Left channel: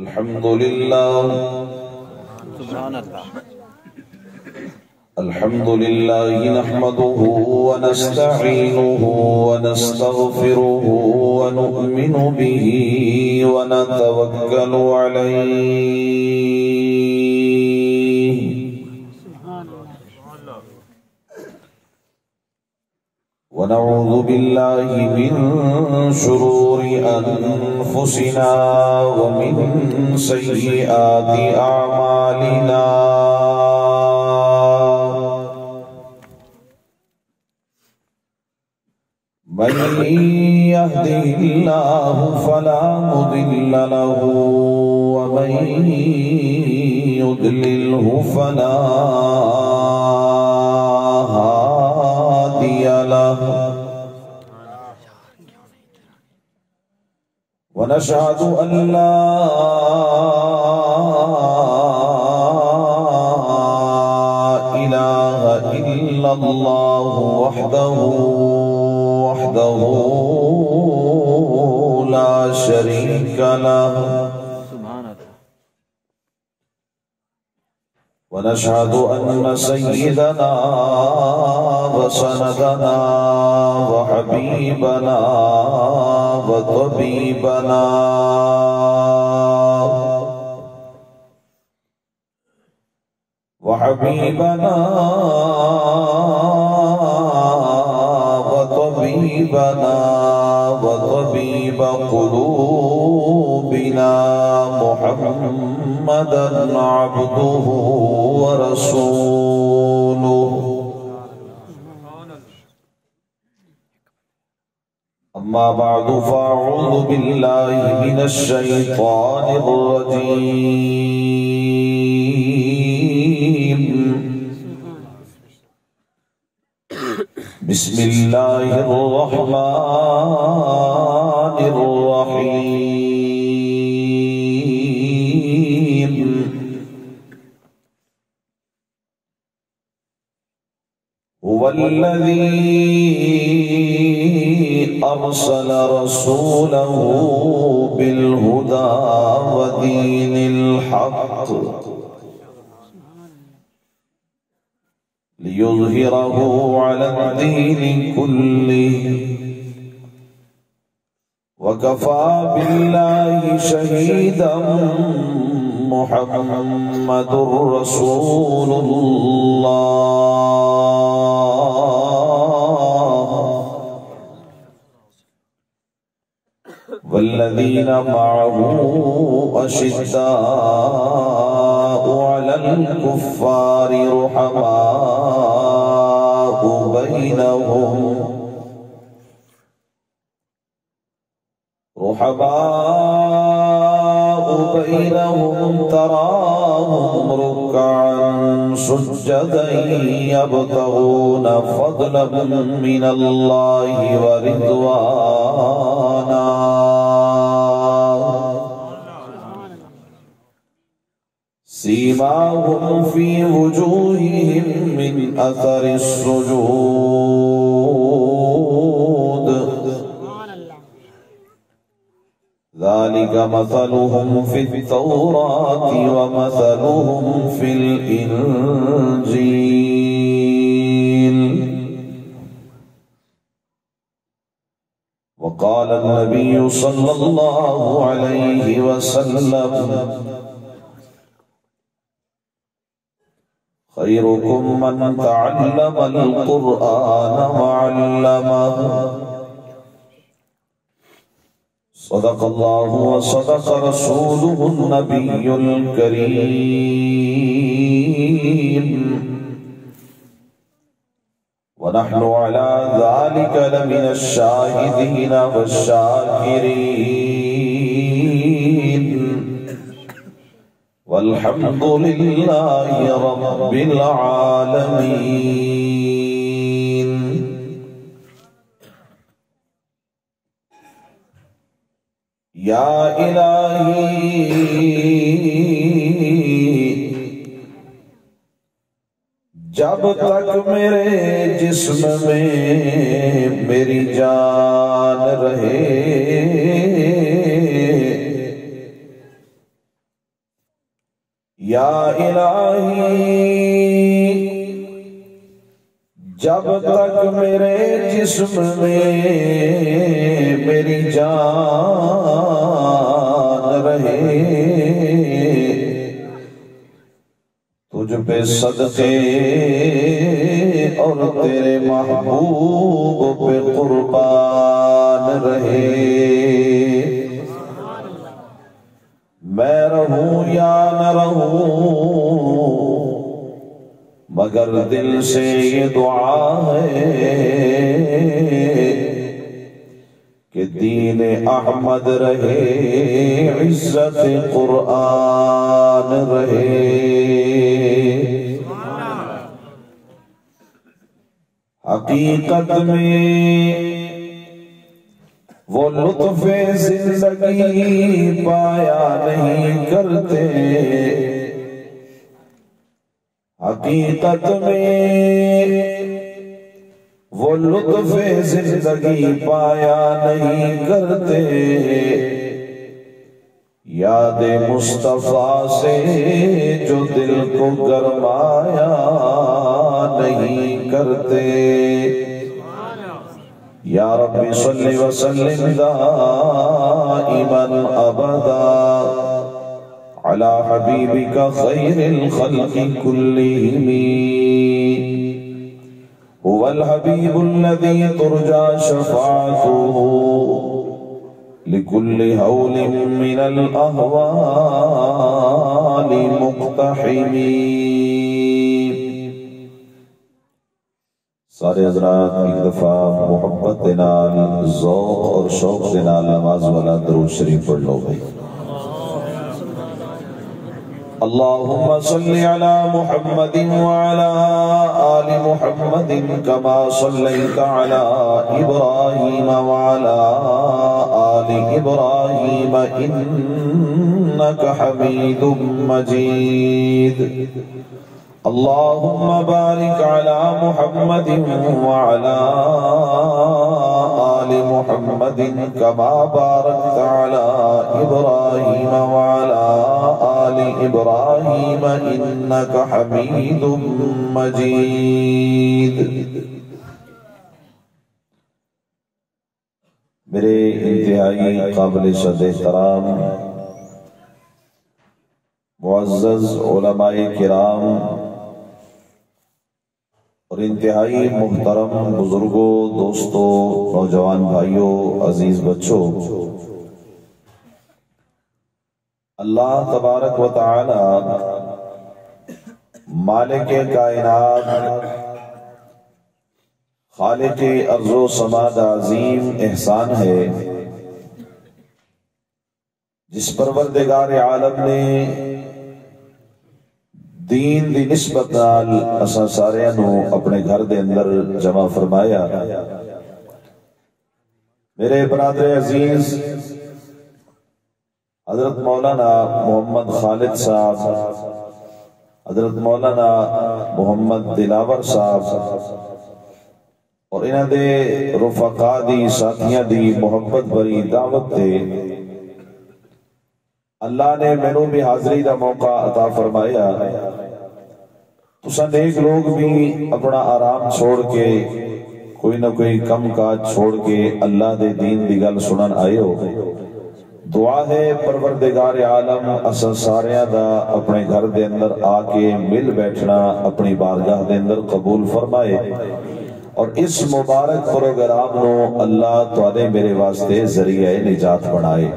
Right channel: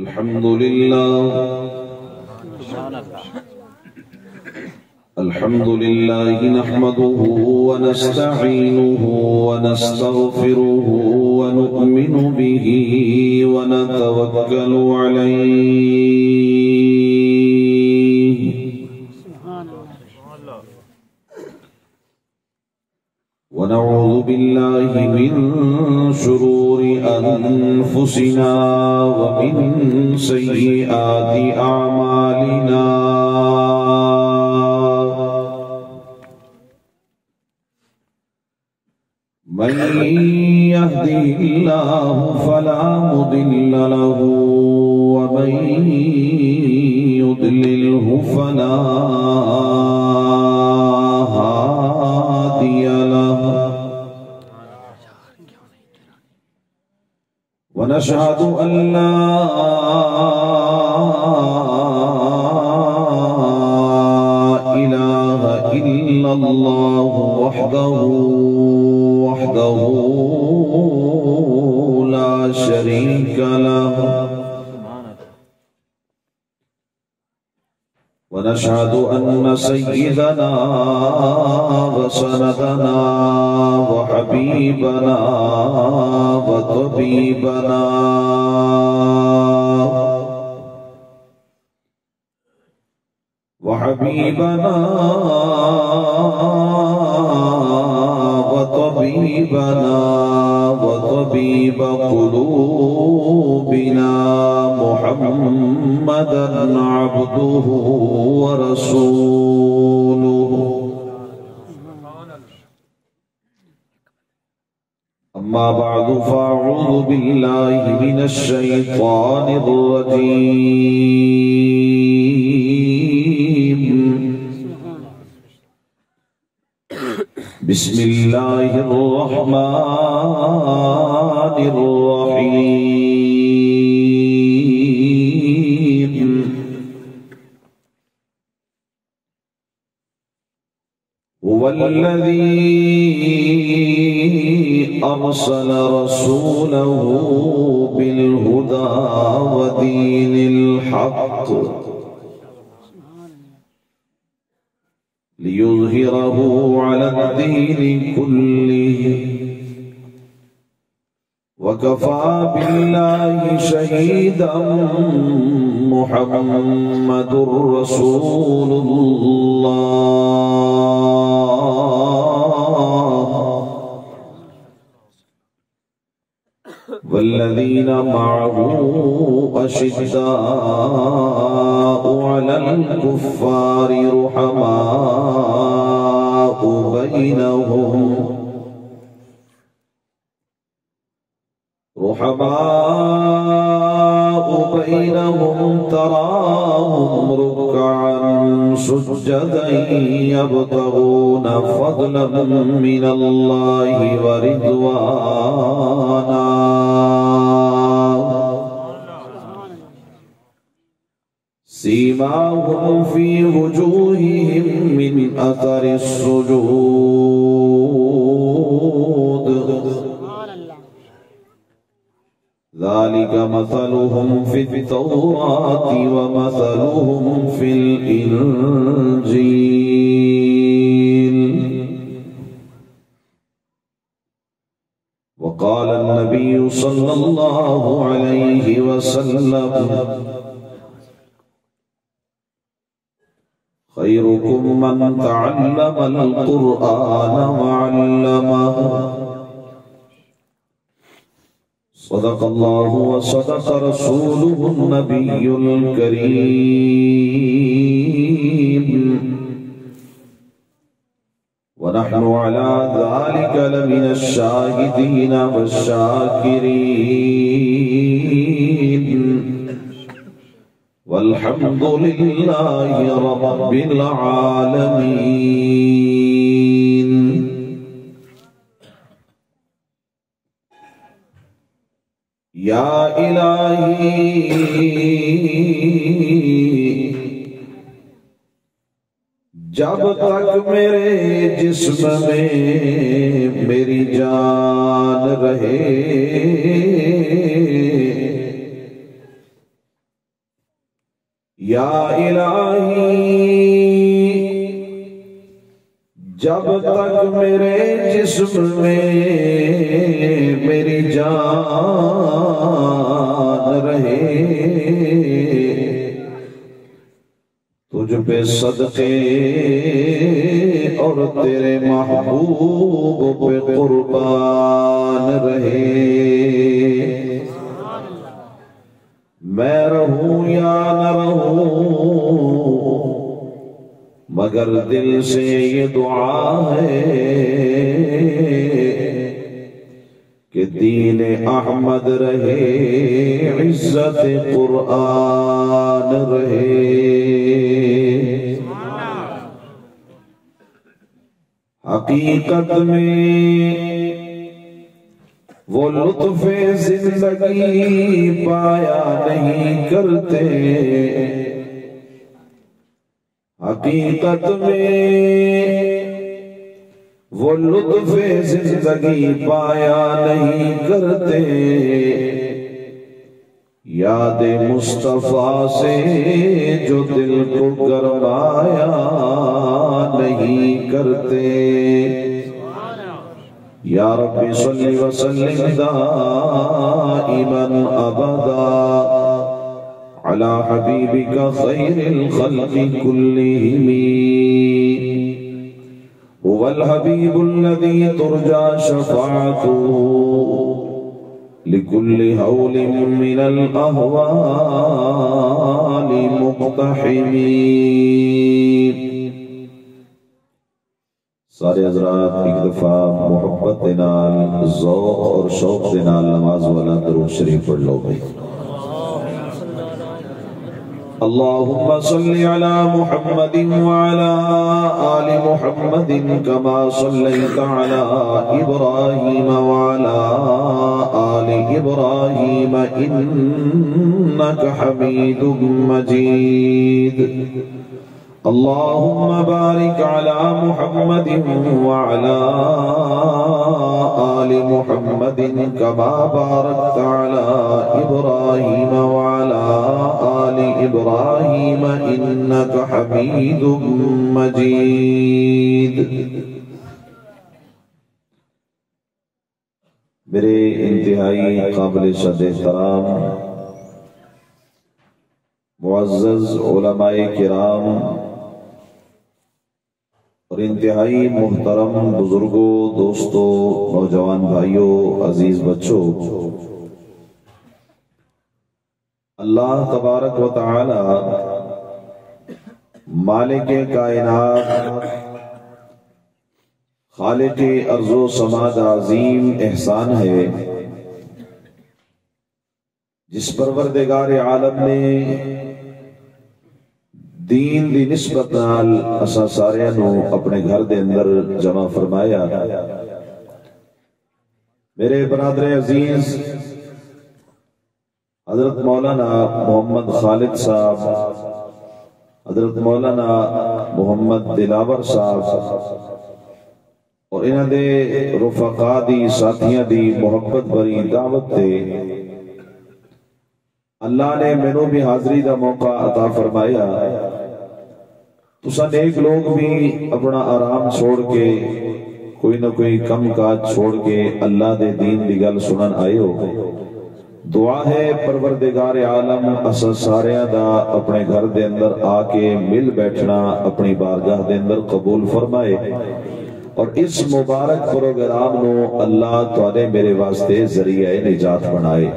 الحمد لله الحمد لله نحمده ونستعينه ونستغفره ونؤمن به ونتوكل عليه ونعوذ بالله من شرور أنفسنا ومن سيئات أعمالنا من يهده الله فلا مضل له ومن يضلله فلا هادي له ونشهد أن لا إله إلا الله وحده لا شريك له ونشهد أن سيدنا وسندنا وحبيبنا وطبيبنا وطبيب قلوبنا محمدا عبده ورسوله أما بعد فأعوذ بالله من الشيطان الرجيم بسم الله الرحمن الرحيم هو الذي أرسل رسوله بالهدى ودين الحق ليظهره على الدين كله وكفى بالله شهيدا محمد رسول الله والذين معه أشداء على الكفار رحماء بينهم تراهم ركعا سجدا يبتغون فضلا من الله ورضوانا سيماهم في وجوههم من أثر السجود ذلك مثلهم في التوراة ومثلهم في الإنجيل وقال النبي صلى الله عليه وسلم خيركم من تعلم القرآن وعلمه صدق الله وصدق رسوله النبي الكريم ونحن على ذلك لمن الشاهدين والشاكرين والحمد لله رب العالمين یا الہی جب تک میرے جسم میں میری جان رہے یا الہی جب تک میرے جسم میں میری جان رہے تجھ پہ صدقے اور تیرے محبوب پہ قربان رہے میں رہوں یا نہ رہوں مگر دل سے یہ دعا ہے کہ دین احمد رہے عزت قرآن رہے حقیقت میں وہ لطف زندگی پایا نہیں کرتے حقیقت میں وہ لطف زندگی پایا نہیں کرتے یاد مصطفیٰ سے جو دل کو گرمایا نہیں کرتے یا رب صلی وسلم دائما ابدا على حبيبك خير الخلق كلهم هو الحبيب الذي ترجى شفاعته لكل هول من الأهوال مقتحم سارے حضرات ایک دفعہ محبت نال ذوق اور شوق نال نماز والا درود شریف پڑھ لو بھائی اللهم صل على محمد وعلى آل محمد كما صليت على إبراهيم وعلى آل إبراهيم إنك حميد مجيد اللهم بارك على محمد وعلى آل محمد كما باركت على إبراهيم وعلى آل إبراهيم إنك حميد مجيد میرے انتہائی قابل صد احترام معزز علماء کرام اور انتہائی محترم بزرگوں دوستوں نوجوان بھائیوں عزیز بچوں اللہ تبارک و تعالی مالک کائنات خالق ارض و سما کا عظیم احسان ہے جس پروردگار عالم نے دین دی نسبت نال اساں ساریاں نو اپنے گھر دے اندر جمع فرمایا میرے برادر عزیز حضرت مولانا محمد خالد صاحب حضرت مولانا محمد دلاور صاحب اور انہاں دے رفقا دی ساتھیاں دی محبت بری دعوت دے اللہ نے مینوں بھی حاضری دا موقع عطا فرمایا تساں نیک لوگ بھی اپنا آرام چھوڑ کے کوئی نہ کوئی کم کاج چھوڑ کے اللہ دے دین دی گل سنن آئے ہو دعا ہے پروردگار عالم اساں ساریاں دا اپنے گھر دے اندر آ کے مل بیٹھنا اپنی بارگاہ دے اندر قبول فرمائے اور اس مبارک پروگرام نو اللہ تواڈے میرے واسطے ذریعہ نجات بنائے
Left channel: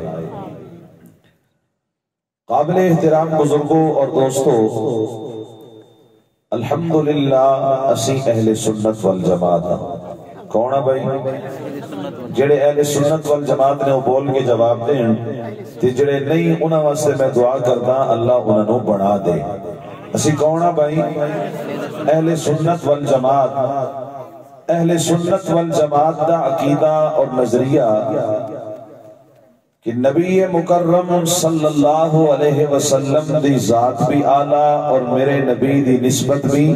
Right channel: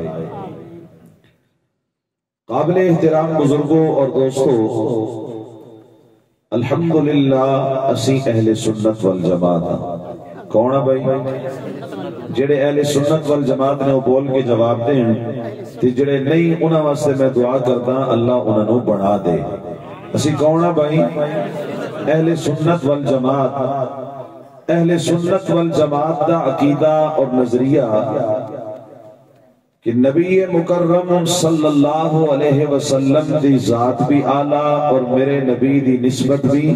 قابل احترام بزرگوں اور دوستوں الحمدللہ اسی اہل سنت والجماعت کون ہے بھائی جڑے اہل سنت والجماعت نے وہ بول کے جواب دیں تے جڑے نہیں انہاں واسطے میں دعا کردا اللہ انہاں نو بڑھا دے اسی کون ہے بھائی اہل سنت والجماعت اہل سنت والجماعت دا عقیدہ اور نظریہ کہ نبی مکرم صلی اللہ علیہ وسلم دی ذات بھی اعلیٰ اور میرے نبی دی نسبت بھی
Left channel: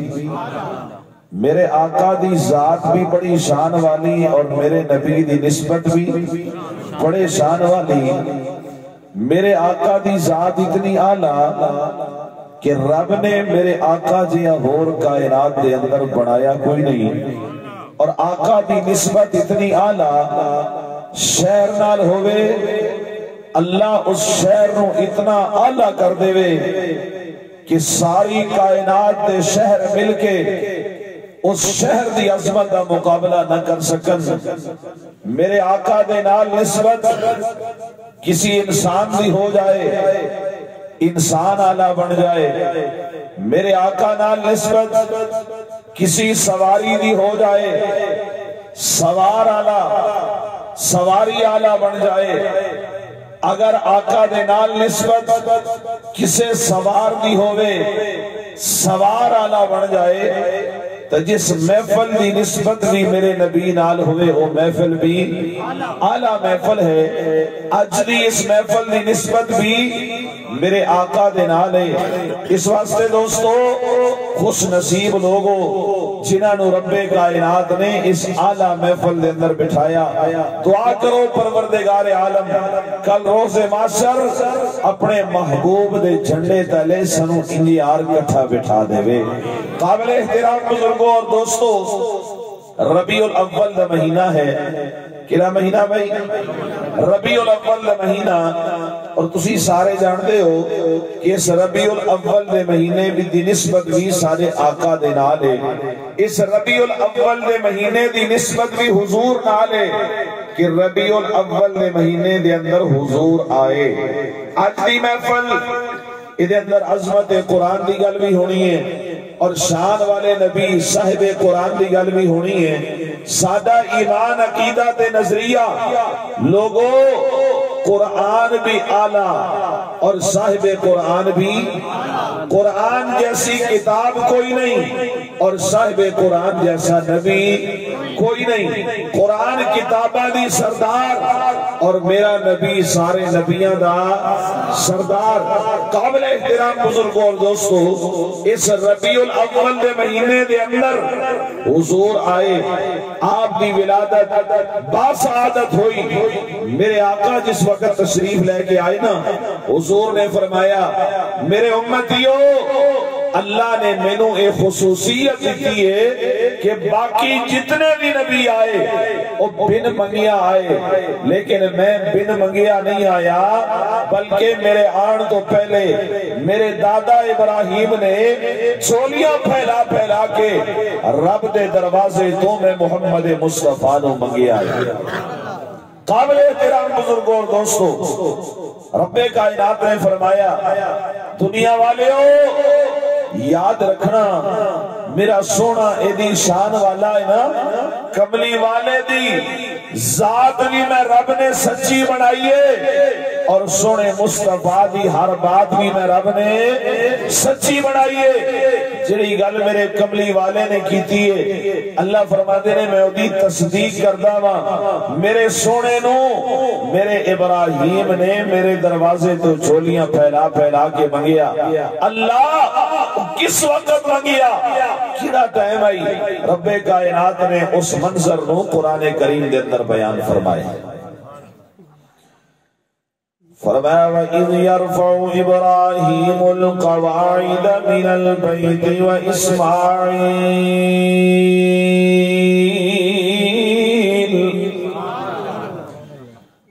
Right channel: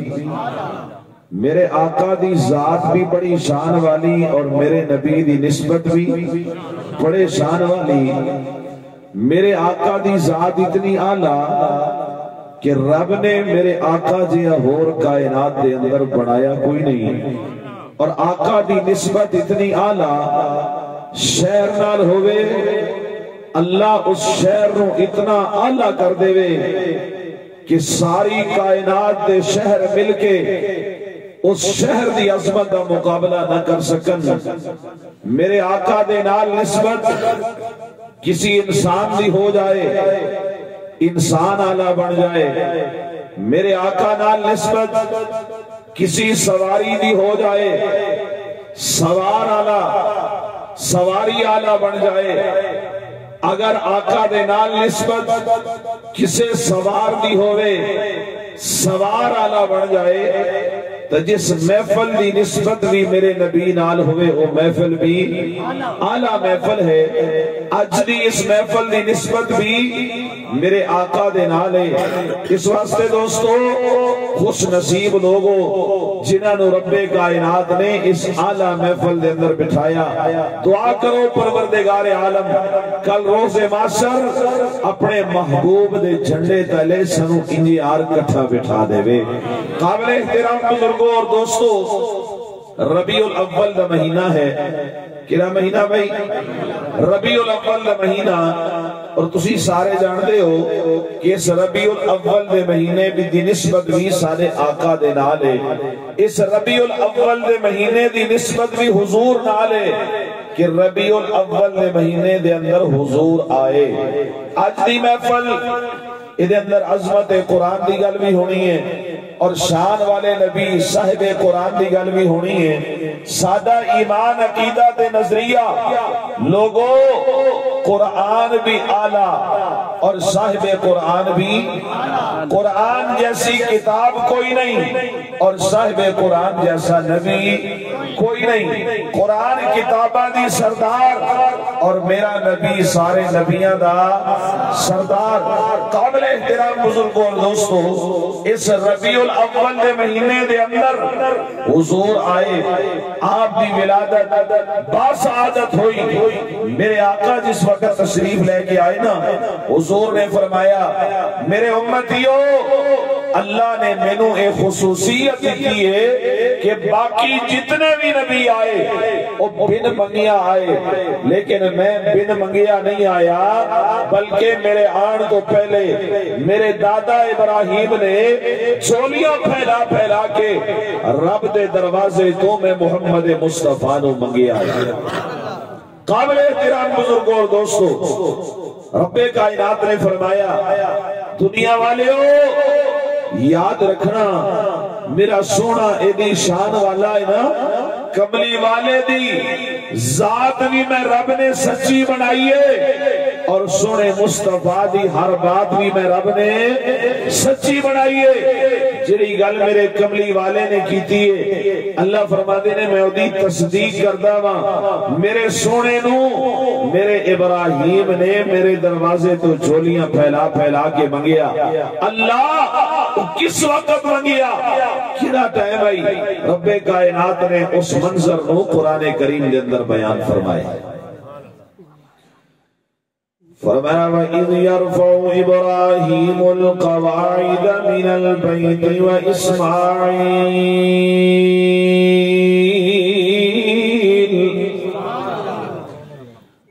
میرے آقا دی ذات بھی بڑی شان والی اور میرے نبی دی نسبت بھی بڑے شان والی میرے آقا دی ذات اتنی اعلیٰ کہ رب نے میرے آقا جیا ہور کائنات دے اندر بنایا کوئی نہیں، اور آقا دی نسبت اتنی اعلیٰ شہر نال ہوئے، اللہ اس شہر نو اتنا اعلیٰ کر دے وے کہ ساری کائنات دے شہر مل کے اس شہر دی عظمت دا مقابلہ نہ کر سکن۔ میرے آقا دے نال نسبت کسی انسان دی ہو جائے، انسان اعلیٰ بن جائے، میرے آقا نال نسبت کسی سواری دی ہو جائے، سوار اعلیٰ، سواری اعلیٰ بن جائے، اگر آقا دے نال نسبت کسے سوار دی ہوئے، سوار اعلیٰ بن جائے، تو جس محفل دی نسبت بھی میرے نبی نال ہوئے وہ محفل بھی اعلیٰ محفل ہے۔ اج دی اس محفل دی نسبت بھی میرے آقا دے نال ہے۔ اس واسطے دوستو خوش نصیب لوگو جنہاں نو رب کائنات نے اس اعلیٰ محفل دے اندر بٹھایا۔ دعا کرو پروردگار عالم کل روز محشر اپنے محبوب دے جھنڈے تلے سنو انجیار کٹھا بٹھا دے وے۔ قابل احترام بزرگوں اور دوستو، ربیع الاول دا مہینہ ہے، کیا مہینہ بھائی؟ ربیع الاول دا مہینہ، اور تسی سارے جانتے ہو کہ اس ربیع الاول دے مہینے بھی دی نسبت بھی سارے آقا دے نال ہے۔ اس ربیع الاول دے مہینے دی نسبت بھی حضور نال ہے کہ ربیع الاول دے مہینے دے اندر حضور آئے۔ آج دی محفل ادھے اندر عظمت قرآن دی گل بھی ہونی ہے، اور شان والے نبی صاحب قرآن دی گل بھی ہونی ہے۔ سادہ ایمان عقیدہ تے نظریہ لوگوں، قرآن بھی اعلیٰ اور صاحب قرآن بھی، قرآن جیسی کتاب کوئی نہیں اور صاحب قرآن جیسا نبی کوئی نہیں۔ قرآن کتابہ دی سردار اور میرا نبی سارے نبیاں دا سردار۔ قابل احترام بزرگوں اور دوستو، اس ربیع الاول دے مہینے دے اندر حضور آئے، آپ دی ولادت باسعادت ہوئی۔ میرے آقا جس وقت تشریف لے کے آئے نا، حضور نے فرمایا میرے امتیو، اللہ نے مینوں ایک خصوصیت دی ہے کہ باقی جتنے بھی نبی آئے وہ بن منگیا آئے، لیکن میں بن منگیا نہیں آیا، بلکہ میرے آن تو پہلے میرے دادا ابراہیم نے چولیاں پھیلا پھیلا کے رب دے دروازے تو میں محمد مصطفیٰ نو منگیا آیا۔ قابل احترام بزرگوں اور دوستو، رب کائنات نے فرمایا دنیا والے ہو یاد رکھنا میرا سونا ایدی شان والا ہے نا، کملی والے دی ذات بھی میں رب نے سچی بنائیے، اور سونے مصطفیٰ دی ہر بات بھی میں رب نے سچی بنائیے۔ جڑی گل میرے کملی والے نے کیتی ہے، اللہ فرماتے نے میں دی تصدیق کردہ ہاں، میرے سونے نو میرے ابراہیم نے میرے دروازے تو چولیاں پھیلا پھیلا کے منگیا۔ اللہ کس وقت منگیا، کیڑا ٹائم آئی؟ رب کائنات نے اس منظر نو قرآن کریم دے اندر بیان فرمایا۔ فرمایا وَإِذْ يَرْفَعُ إِبْرَاهِيمُ الْقَوَاعِدَ مِنَ الْبَيْتِ وَإِسْمَاعِيلُ،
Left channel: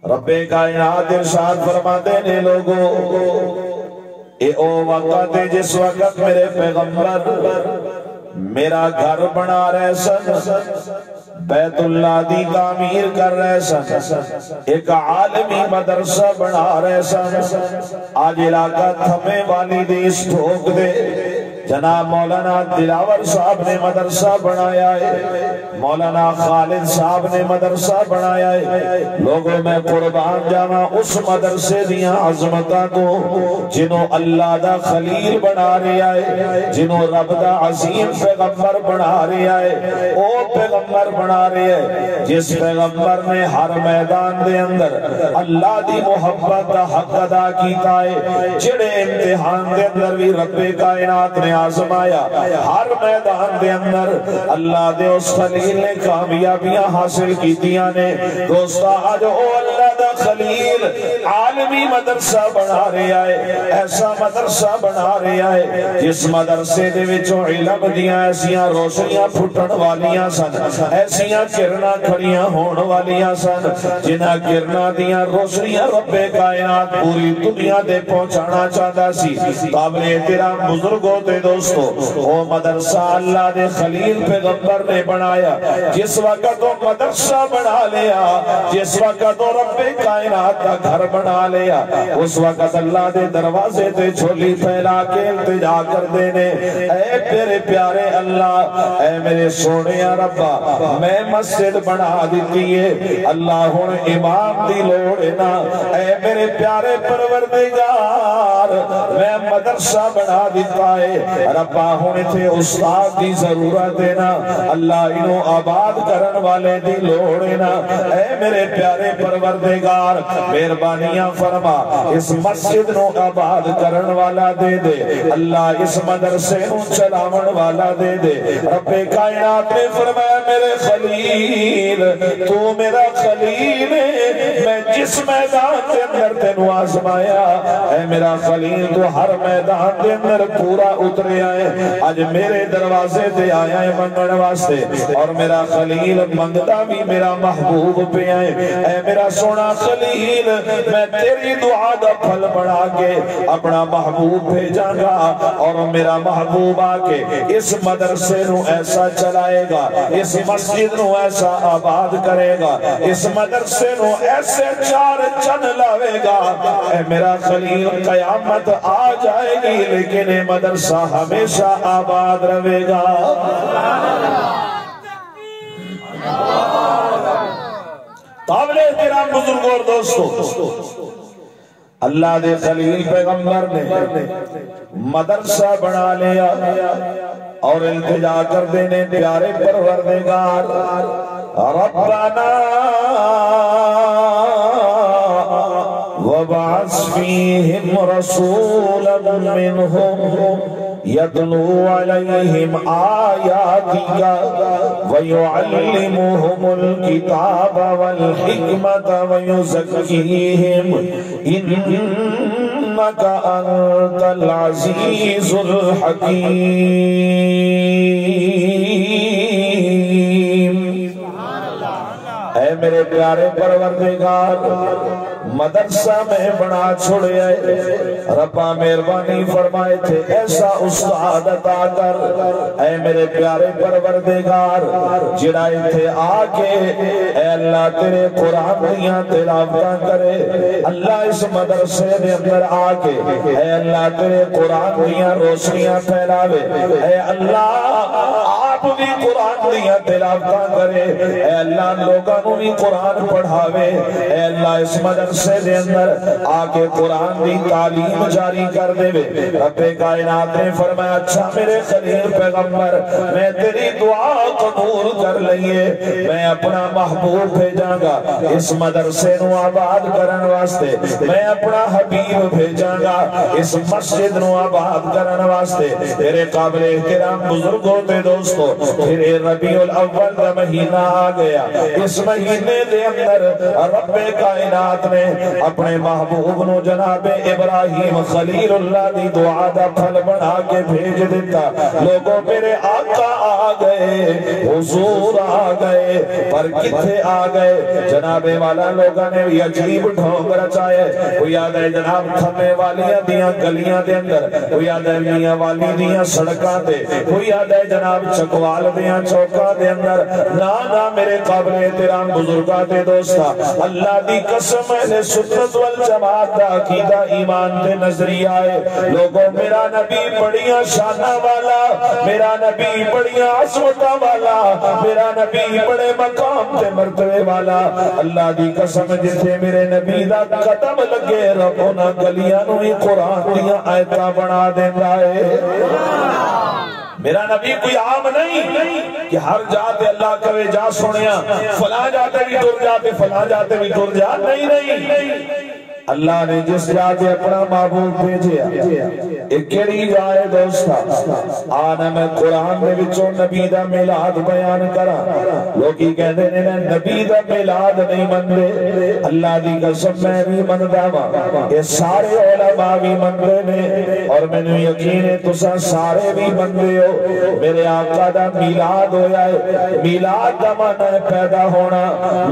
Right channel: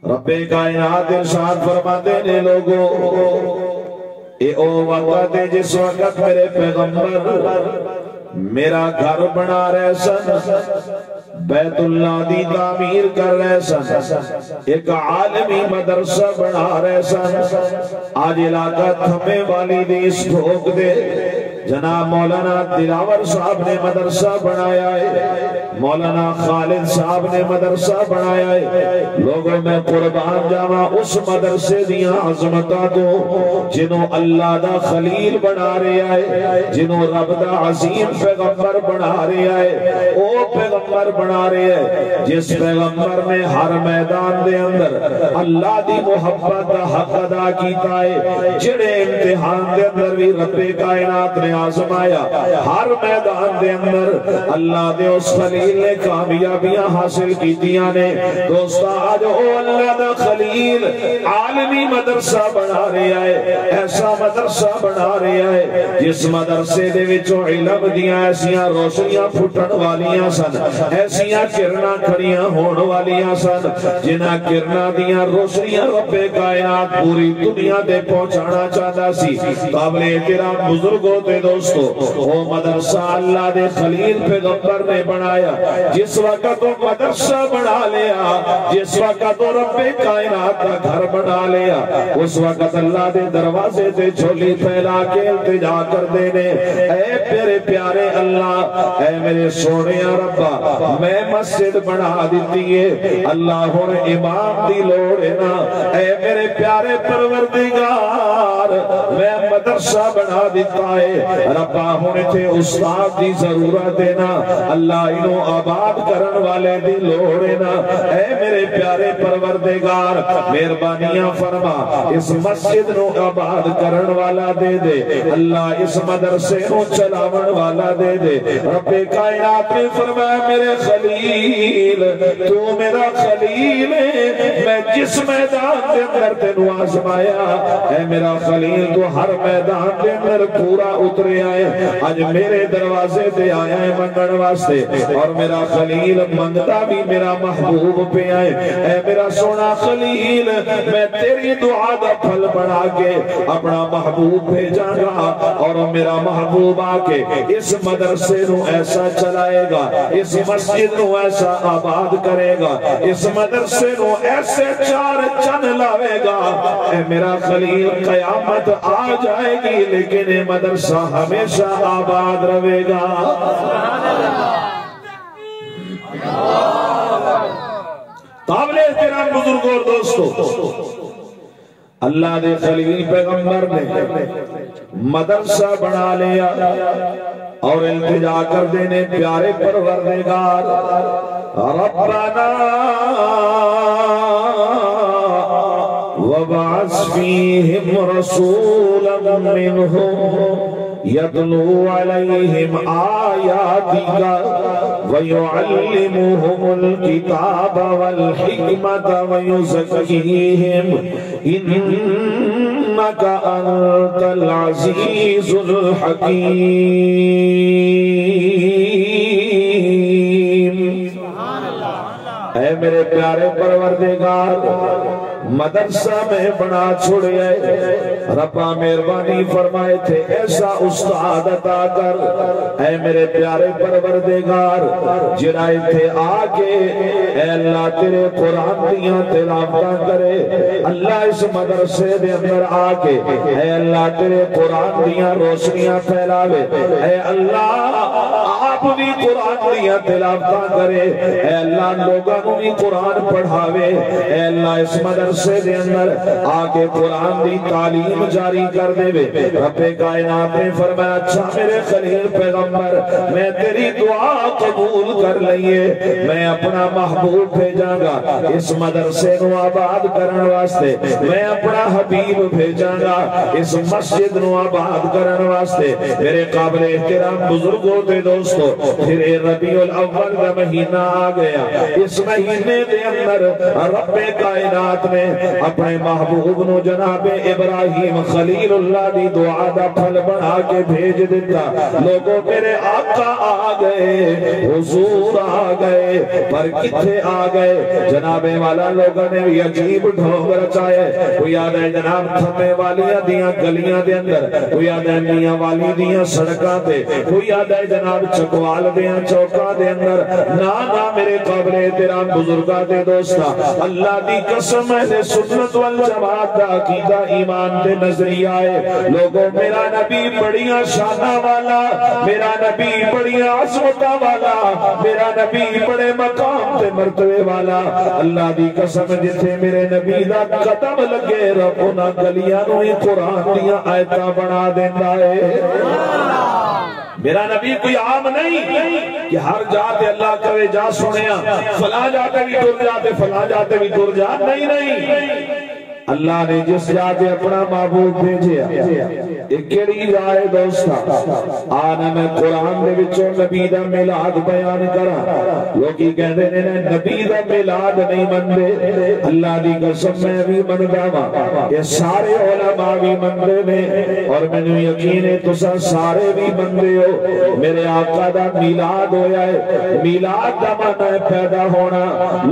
رب کائنات ارشاد فرماتے نے لوگوں، اے او وقت ہے جس وقت میرے پیغمبر میرا گھر بنا رہے سن، بیت اللہ دی تعمیر کر رہے سن، ایک عالمی مدرسہ بنا رہے سن۔ آج علاقہ تھمے والی دی اس ٹھوک دے جناب مولانا دلاور صاحب نے مدرسہ بنایا ہے، مولانا خالد صاحب نے مدرسہ بنایا ہے۔ لوگوں میں قربان جاواں اس مدرسے دیاں عظمتاں کو جنہوں اللہ دا خلیل بنا رہے آئے، جنہوں رب دا عظیم پیغمبر بنا رہے آئے۔ او پیغمبر پیغمبر بنا رہے ہیں جس پیغمبر نے ہر میدان دے اندر اللہ دی محبت دا حق ادا کیتا ہے جڑے امتحان دے اندر بھی رب کائنات نے آزمایا ہر میدان دے اندر اللہ دے اس خلیل نے کامیابیاں حاصل کیتیاں نے دوستا آج او اللہ دا خلیل عالمی مدرسہ بنا رہا ہے ایسا مدرسہ بنا رہا ہے جس مدرسے دے وچوں علم دیاں ایسیاں روشنیاں پھٹن والیاں سن ایسیاں کرنا کھڑیاں ہون والیاں سن جنہاں کرنا دیاں روشنیاں رب کائنات پوری دنیا دے پہنچانا چاہتا سی قابل احترام بزرگوں تے دوستو وہ مدرسہ اللہ دے خلیل پیغمبر نے بنایا جس وقت وہ مدرسہ بنا لیا جس وقت وہ رب کائنات کا گھر بنا لیا اس وقت اللہ دے دروازے تے جھولی پھیلا کے التجا کر دینے اے میرے پیارے اللہ اے میرے سونے ربا میں مسجد بنا دیتی ہے اللہ ہن امام دی لوڑ ہے نا اے میرے پیارے پروردگار میں مدرسہ بنا دیتا ہے ربا ہن تے استاد دی ضرورت ہے نا اللہ انہوں آباد کرن والے دی لوڑ ہے نا اے میرے پیارے پروردگار مہربانیاں فرما اس مسجد نو آباد کرن والا دے دے اللہ اس مدرسے نو چلاون والا دے دے رب کائنات نے فرمایا میرے خلیل تو میرا خلیل ہے میں جس میدان دے اندر تینو آزمایا اے میرا خلیل تو ہر میدان دے اندر پورا اترے آئے آج میرے دروازے دے آیا ہے منگن واسطے اور میرا خلیل منگتا بھی میرا محبوب پہ آئے اے میرا سونا خلیل میں تیری دعا دا پھل بنا کے اپنا محبوب بھیجاں گا اور میرا محبوب آکے اس مدرسے نو ایسا چلائے گا اس مسجد نو ایسا آباد کرے گا اس مدرسے نو ایسے چار چن لاوے گا اے میرا خلیل قیامت آ جائے گی لیکن یہ مدرسہ ہمیشہ آباد رہے گا قابل احترام بزرگوں اور دوستو اللہ دے خلیل پیغمبر نے مدرسہ بنا لیا اور التجا کر دینے پیارے پروردگار ربنا وبعث فیہم رسولا منہم يتلو عليهم آياتك ويعلمهم الكتاب والحكمة ويزكيهم إنك أنت العزيز الحكيم اے میرے پیارے پروردگار مدرسہ میں بنا چھوڑے ربا مہربانی فرمائے تھے ایسا استاد عطا کر اے میرے پیارے پروردگار جڑا تھے آکے اے اللہ تیرے قرآن دیاں تلاوتاں کرے اللہ اس مدرسے دے اندر آکے اے اللہ تیرے قرآن دیاں روشنیاں پھیلاوے اے اللہ آپ بھی قرآن دیاں تلاوتاں کرے اے اللہ لوگاں نو بھی قرآن پڑھاوے اے اللہ اس مدرسے دے اندر آکے قرآن دی تعلیم جاری کر دے رب کائنات نے فرمایا اچھا میرے خلیل پیغمبر میں تیری دعا قبول کر لئیے میں اپنا محبوب بھیجاں گا اس مدرسے نو آباد کرن واسطے میں اپنا حبیب بھیجاں گا اس مسجد نو آباد کرن واسطے میرے قابل احترام بزرگوں دے دوستو پھر ربیع الاول کا مہینہ آ گیا اس مہینے دے اندر رب کائنات نے اپنے محبوب نو جناب ابراہیم خلیل اللہ دی دعا دا پھل بنا کے بھیج دیتا لوگوں میرے آقا آ گئے حضور آ گئے پر کتھے آ گئے جناب والا لوگوں نے بھی عجیب ڈھونگ رچائے وہ یاد ہے جناب تھمے والیاں دیاں گلیاں دے اندر وہ یاد ہے میاں والی دیاں سڑکاں دے وہ یاد ہے جناب چکوال دیاں چوکاں دے اندر نا میرے قابل احترام بزرگاں دے دوستا اللہ دی قسم اہل سنت والجماعت دا عقیدہ ایمان دے نظریہ ہے لوگوں میرا نبی بڑیاں شانہ والا میرا نبی بڑیاں عظمتہ والا میرا نبی بڑے مقام تے مرتبے والا اللہ دی قسم جتھے میرے نبی دا قدم لگے رب انہاں گلیاں نو ہی قرآن دیاں آیتاں بنا دیندا ہے میرا نبی کوئی عام نہیں کہ ہر جاتے اللہ کہے جا سنیا، فلاں جاتے بھی تر جاتے، فلاں جاتے بھی تر جا، نہیں اللہ نے جس جاتے اپنا معبود بھیجیا ایک کیڑی جائے دوستا آنا میں قرآن میں بچوں نبی دا میلاد بیان کرا لوگی کہتے ہیں نبی دا میلاد نہیں مندے، اللہ دی قسم میں بھی مندہ ماں، یہ سارے علماء بھی مندے نے اور میں نے یقین ہے تسا سارے بھی مندے ہو۔ میرے آقا دا میلاد ہویا ہے، میلاد دا مانا ہے پیدا ہونا،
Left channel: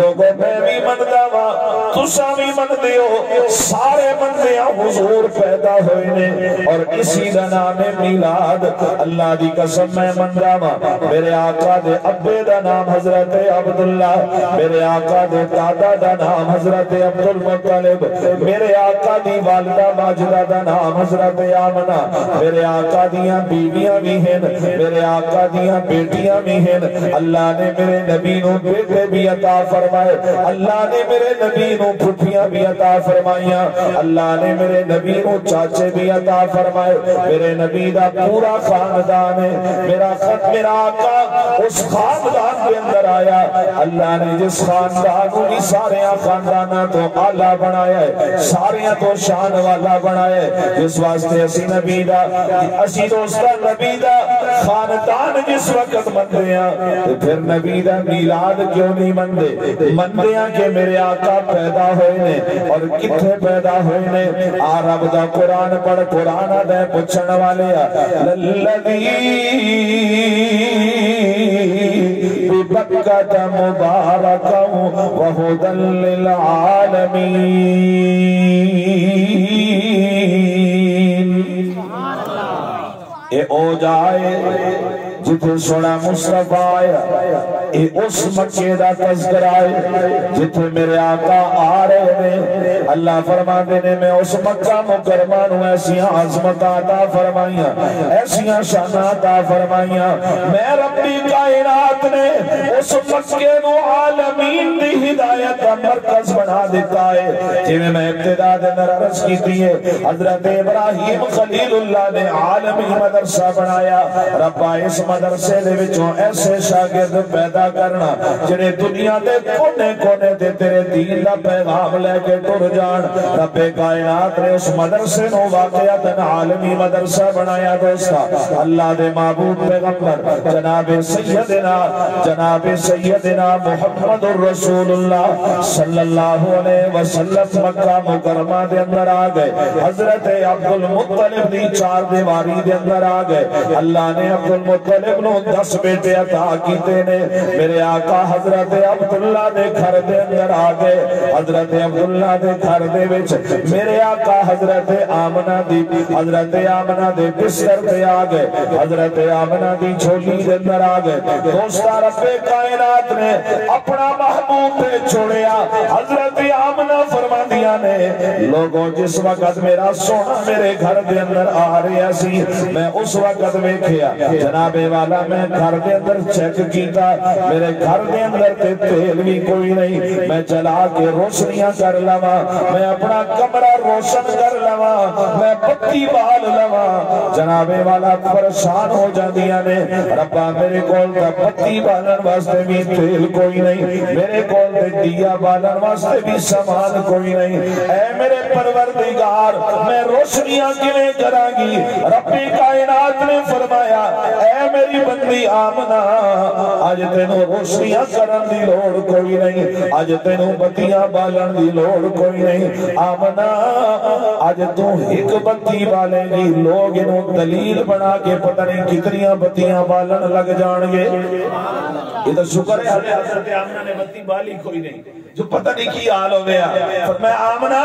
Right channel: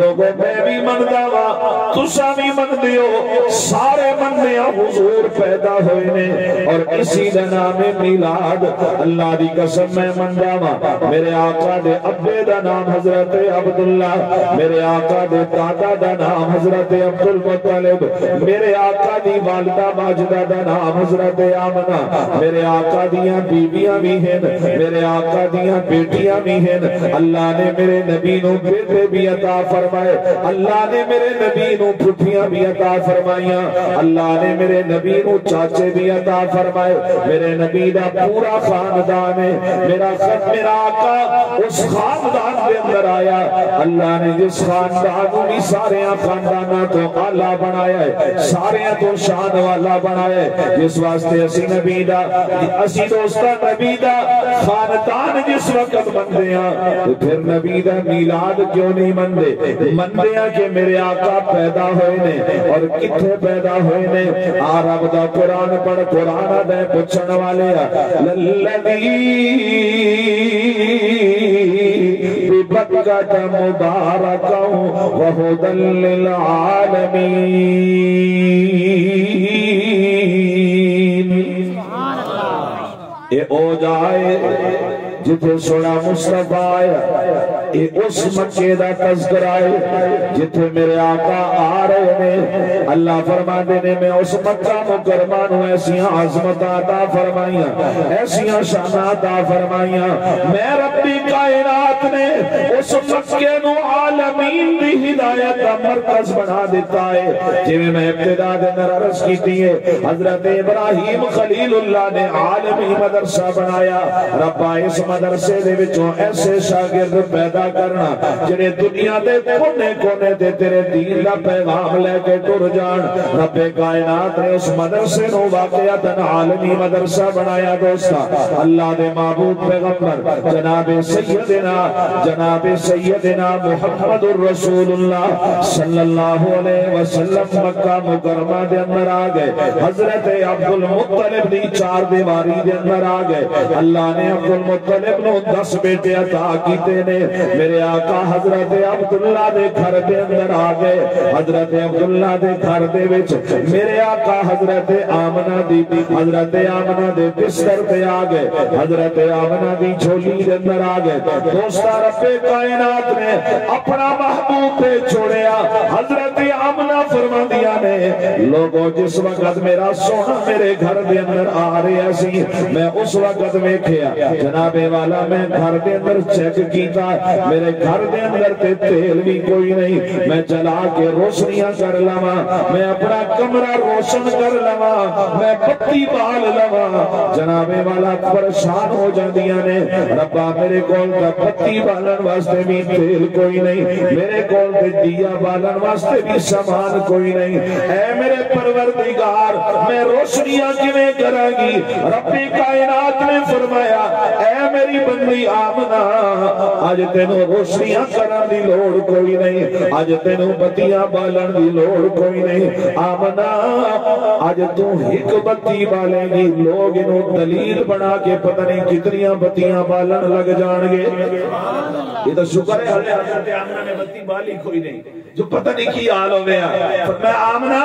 لوگوں میں بھی مندہ ماں تسا بھی مندے ہو، سارے مندے حضور پیدا ہوئے نے اور اسی دا نام میلاد۔ اللہ دی قسم میں مندہ ماں، میرے آقا دے ابے دا نام حضرت عبداللہ، میرے آقا دے دادا دا نام حضرت عبدالمطلب، میرے آقا دی والدہ ماجدہ دا نام حضرت آمنہ، میرے آقا دیاں بیویاں بھی ہیں، میرے آقا دیاں بیٹیاں بھی ہیں۔ اللہ نے میرے نبی نو بیٹے بھی عطا فرمائے، اللہ نے میرے نبی نو پھوپھیاں بھی عطا فرمائیاں، اللہ نے میرے نبی نو چاچے بھی عطا فرمائے، میرے نبی دا پورا خاندان ہے، میرا آقا اس خاندان کے اندر آیا، اللہ نے جس خاندان بھی سارے خاندانہ تو اعلیٰ بنایا ہے، سارے تو شان والا بنایا ہے، جس واسطے اسی نبی دا اسی دوستہ نبی دا خاندان جس وقت مندیاں تو پھر نبی دا میلاد کیوں نہیں مندے؟ مندیاں کہ میرے آقا پیدا ہوئے نے اور کتھے پیدا ہوئے نے؟ عرب دا قرآن پڑھ، قرآن دے پچھن والے للذی ببکۃ مبارکا وہدی للعالمین۔ اے او جائے جتھے سونا مصطفیٰ آیا، اے اس مکے دا تذکرہ ہے جتھے میرے آقا آ رہے نے۔ اللہ فرماندے نے میں اس مکہ مکرمہ نو ایسیاں عظمت عطا فرمائیاں، ایسیاں شان عطا فرمائیاں، میں ربی کائنات نے اس مکے نو عالمین دی ہدایت کا مرکز بنا دیتا ہے۔ جی میں ابتدا دے اندر عرض کی ہے، حضرت ابراہیم خلیل اللہ نے عالمی مدرسہ بنایا، ربا اس مدرسے دے وچوں ایسے شاگرد پیدا کرنا جنہیں دنیا دے کونے کونے دے تیرے دین دا پیغام لے کے ٹر جان۔ رب کائنات نے اس مدرسے نو واقعتاً عالمی مدرسہ بنایا۔ دوستا اللہ دے معبود پیغمبر جناب سیدنا محمد الرسول اللہ صلی اللہ علیہ وسلم مکہ مکرمہ دے اندر آ گئے، حضرت عبدالمطلب دی چار دیواری دے اندر آ گئے۔ اللہ نے عبدالمطلب نو 10 بیٹے عطا کیتے نے۔ میرے آقا حضرت عبداللہ دے گھر دے اندر آ گئے، حضرت عبداللہ دے گھر دے وچ میرے آقا حضرت آمنہ دے بستر تے آ گئے، حضرت آمنہ دی جھولی دے اندر آ گئے۔ دوستا رب کائنات نے اپنا محبوب پہ چھوڑیا۔ حضرت آمنہ فرماندیاں نے لوگوں جس وقت میرا سونا میرے گھر دے اندر آ رہا سی، میں اس وقت ویکھیا جناب والا میں گھر دے اندر چیک کیتا، میرے گھر دے اندر تے تیل بھی کوئی نہیں، میں چلا کے روشنیاں کر لواں، میں اپنا کمرہ روشن کر لواں، میں بتی بال لواں، جناب والا پریشان ہو جاندیاں نے ربا میرے کول تے بتی بالن واسطے بھی تیل کوئی نہیں، میرے کول تے دیا بالن واسطے بھی سامان کوئی نہیں، اے میرے پروردگار میں روشنیاں کیویں کراں گی؟ رب کائنات نے فرمایا اے میری بندی آمنہ آج تینوں روشنیاں کرن دی لوڑ کوئی نہیں، آج تینوں بتیاں بالن دی لوڑ کوئی نہیں، آمنہ آج تو ایک بتی بالے گی، لوگ انہوں دلیل بنا کے پتہ نہیں کتنیاں بتیاں بالن لگ جان گے۔ یہ تو شکر ہے حضرت آمنہ نے بتی بالی کوئی نہیں، جو پتہ نہیں کی حال ہو گیا۔ میں آمنہ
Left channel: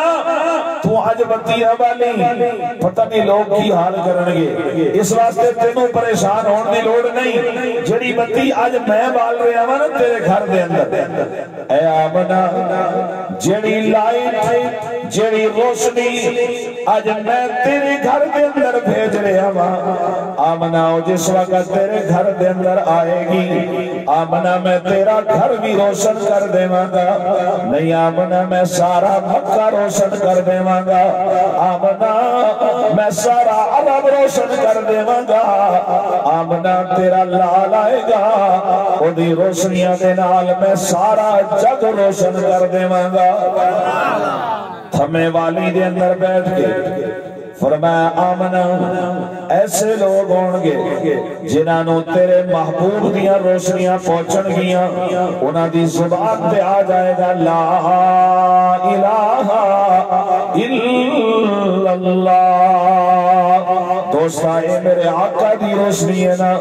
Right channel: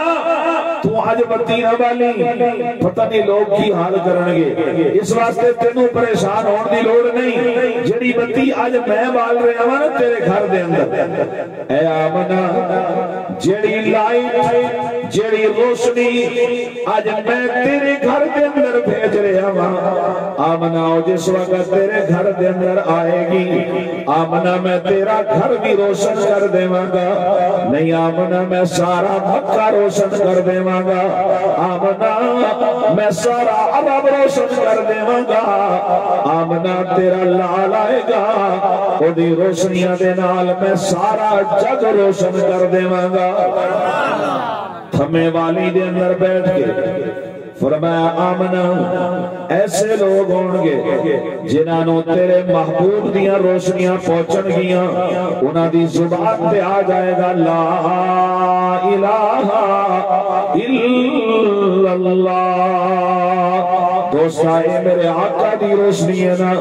تو آج بتی نہ بالی، پتہ نہیں لوگ کی حال کرنگے، اس واسطے تینوں پریشان ہون دی لوڑ نہیں، جڑی بتی آج میں بال رہا ہوں نا تیرے گھر دے اندر، اے آمنہ جڑی لائٹ جڑی روشنی آج میں تیرے گھر دے اندر بھیج رہا ہوں، آمنہ جس وقت تیرے گھر دے اندر آئے گی، آمنا میں تیرا گھر بھی روشن کر دیواں گا، نہیں آمنا میں سارا مکہ روشن کر دیواں گا، آمنا میں سارا عرب روشن کر دیواں گا، آمنا تیرا لال آئے گا او دی روشنیاں دے نال میں سارا جگ روشن کر دیواں گا۔ تھمے والی دے اندر بیٹھ کے فرمایا آمنا ایسے لوگ ہون گے جنہاں نو تیرے محبوب دیاں روشنیاں پہنچن گیاں، انہاں دی زبان تے آ جائے گا لا الہ الا اللہ۔ دوستا اے میرے آقا دی روشنی ہے نا،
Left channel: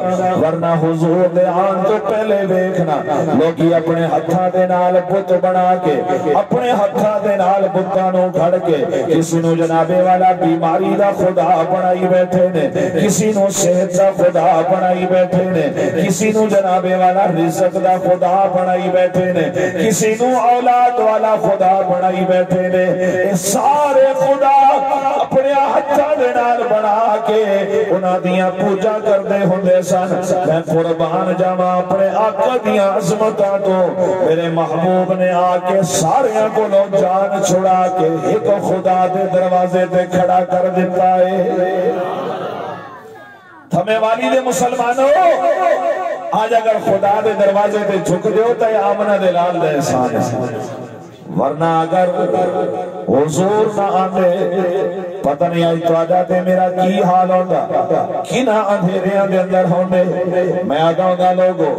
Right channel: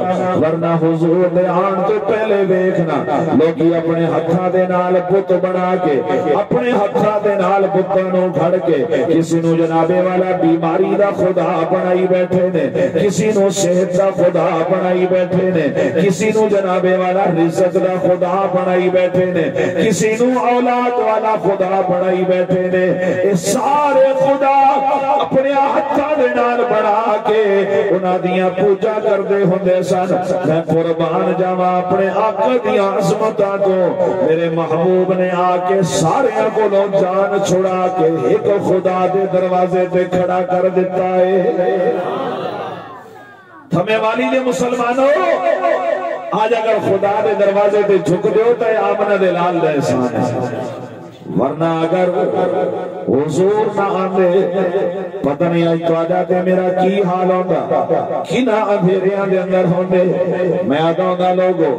ورنہ حضور دے آن تو پہلے دیکھنا لوگی اپنے ہتھاں دے نال بت بنا کے، اپنے ہتھاں دے نال بتاں نو گھڑ کے کسی نو جنابے والا بیماری دا خدا بنائی بیٹھے نے، کسی نو صحت دا خدا بنائی بیٹھے نے، کسی نو جنابے والا رزق دا خدا بنائی بیٹھے نے، کسی نو اولاد والا خدا بنائی بیٹھے نے۔ اے سارے خدا اپنے ہتھاں دے نال بنا کے انہاں دیاں پوجا کردے ہوندے سن۔ میں قربان جاواں اپنے آقا دیاں عظمتاں تو، میرے محبوب نے آ کے سارے کو جان چھڑا کے ایک خدا دے دروازے تے کھڑا کر دیتا ہے۔ تھمے والی دے مسلمانوں آج اگر خدا دے دروازے تے جھک دیو تے آمنہ دے لال دے احسان ہے، ورنہ اگر حضور نہ آندے پتہ نہیں آج تو آجا تے میرا کی حال ہوندہ، کنا اندھیریاں دے اندر ہوندے۔ میں آتا ہوں گا لوگو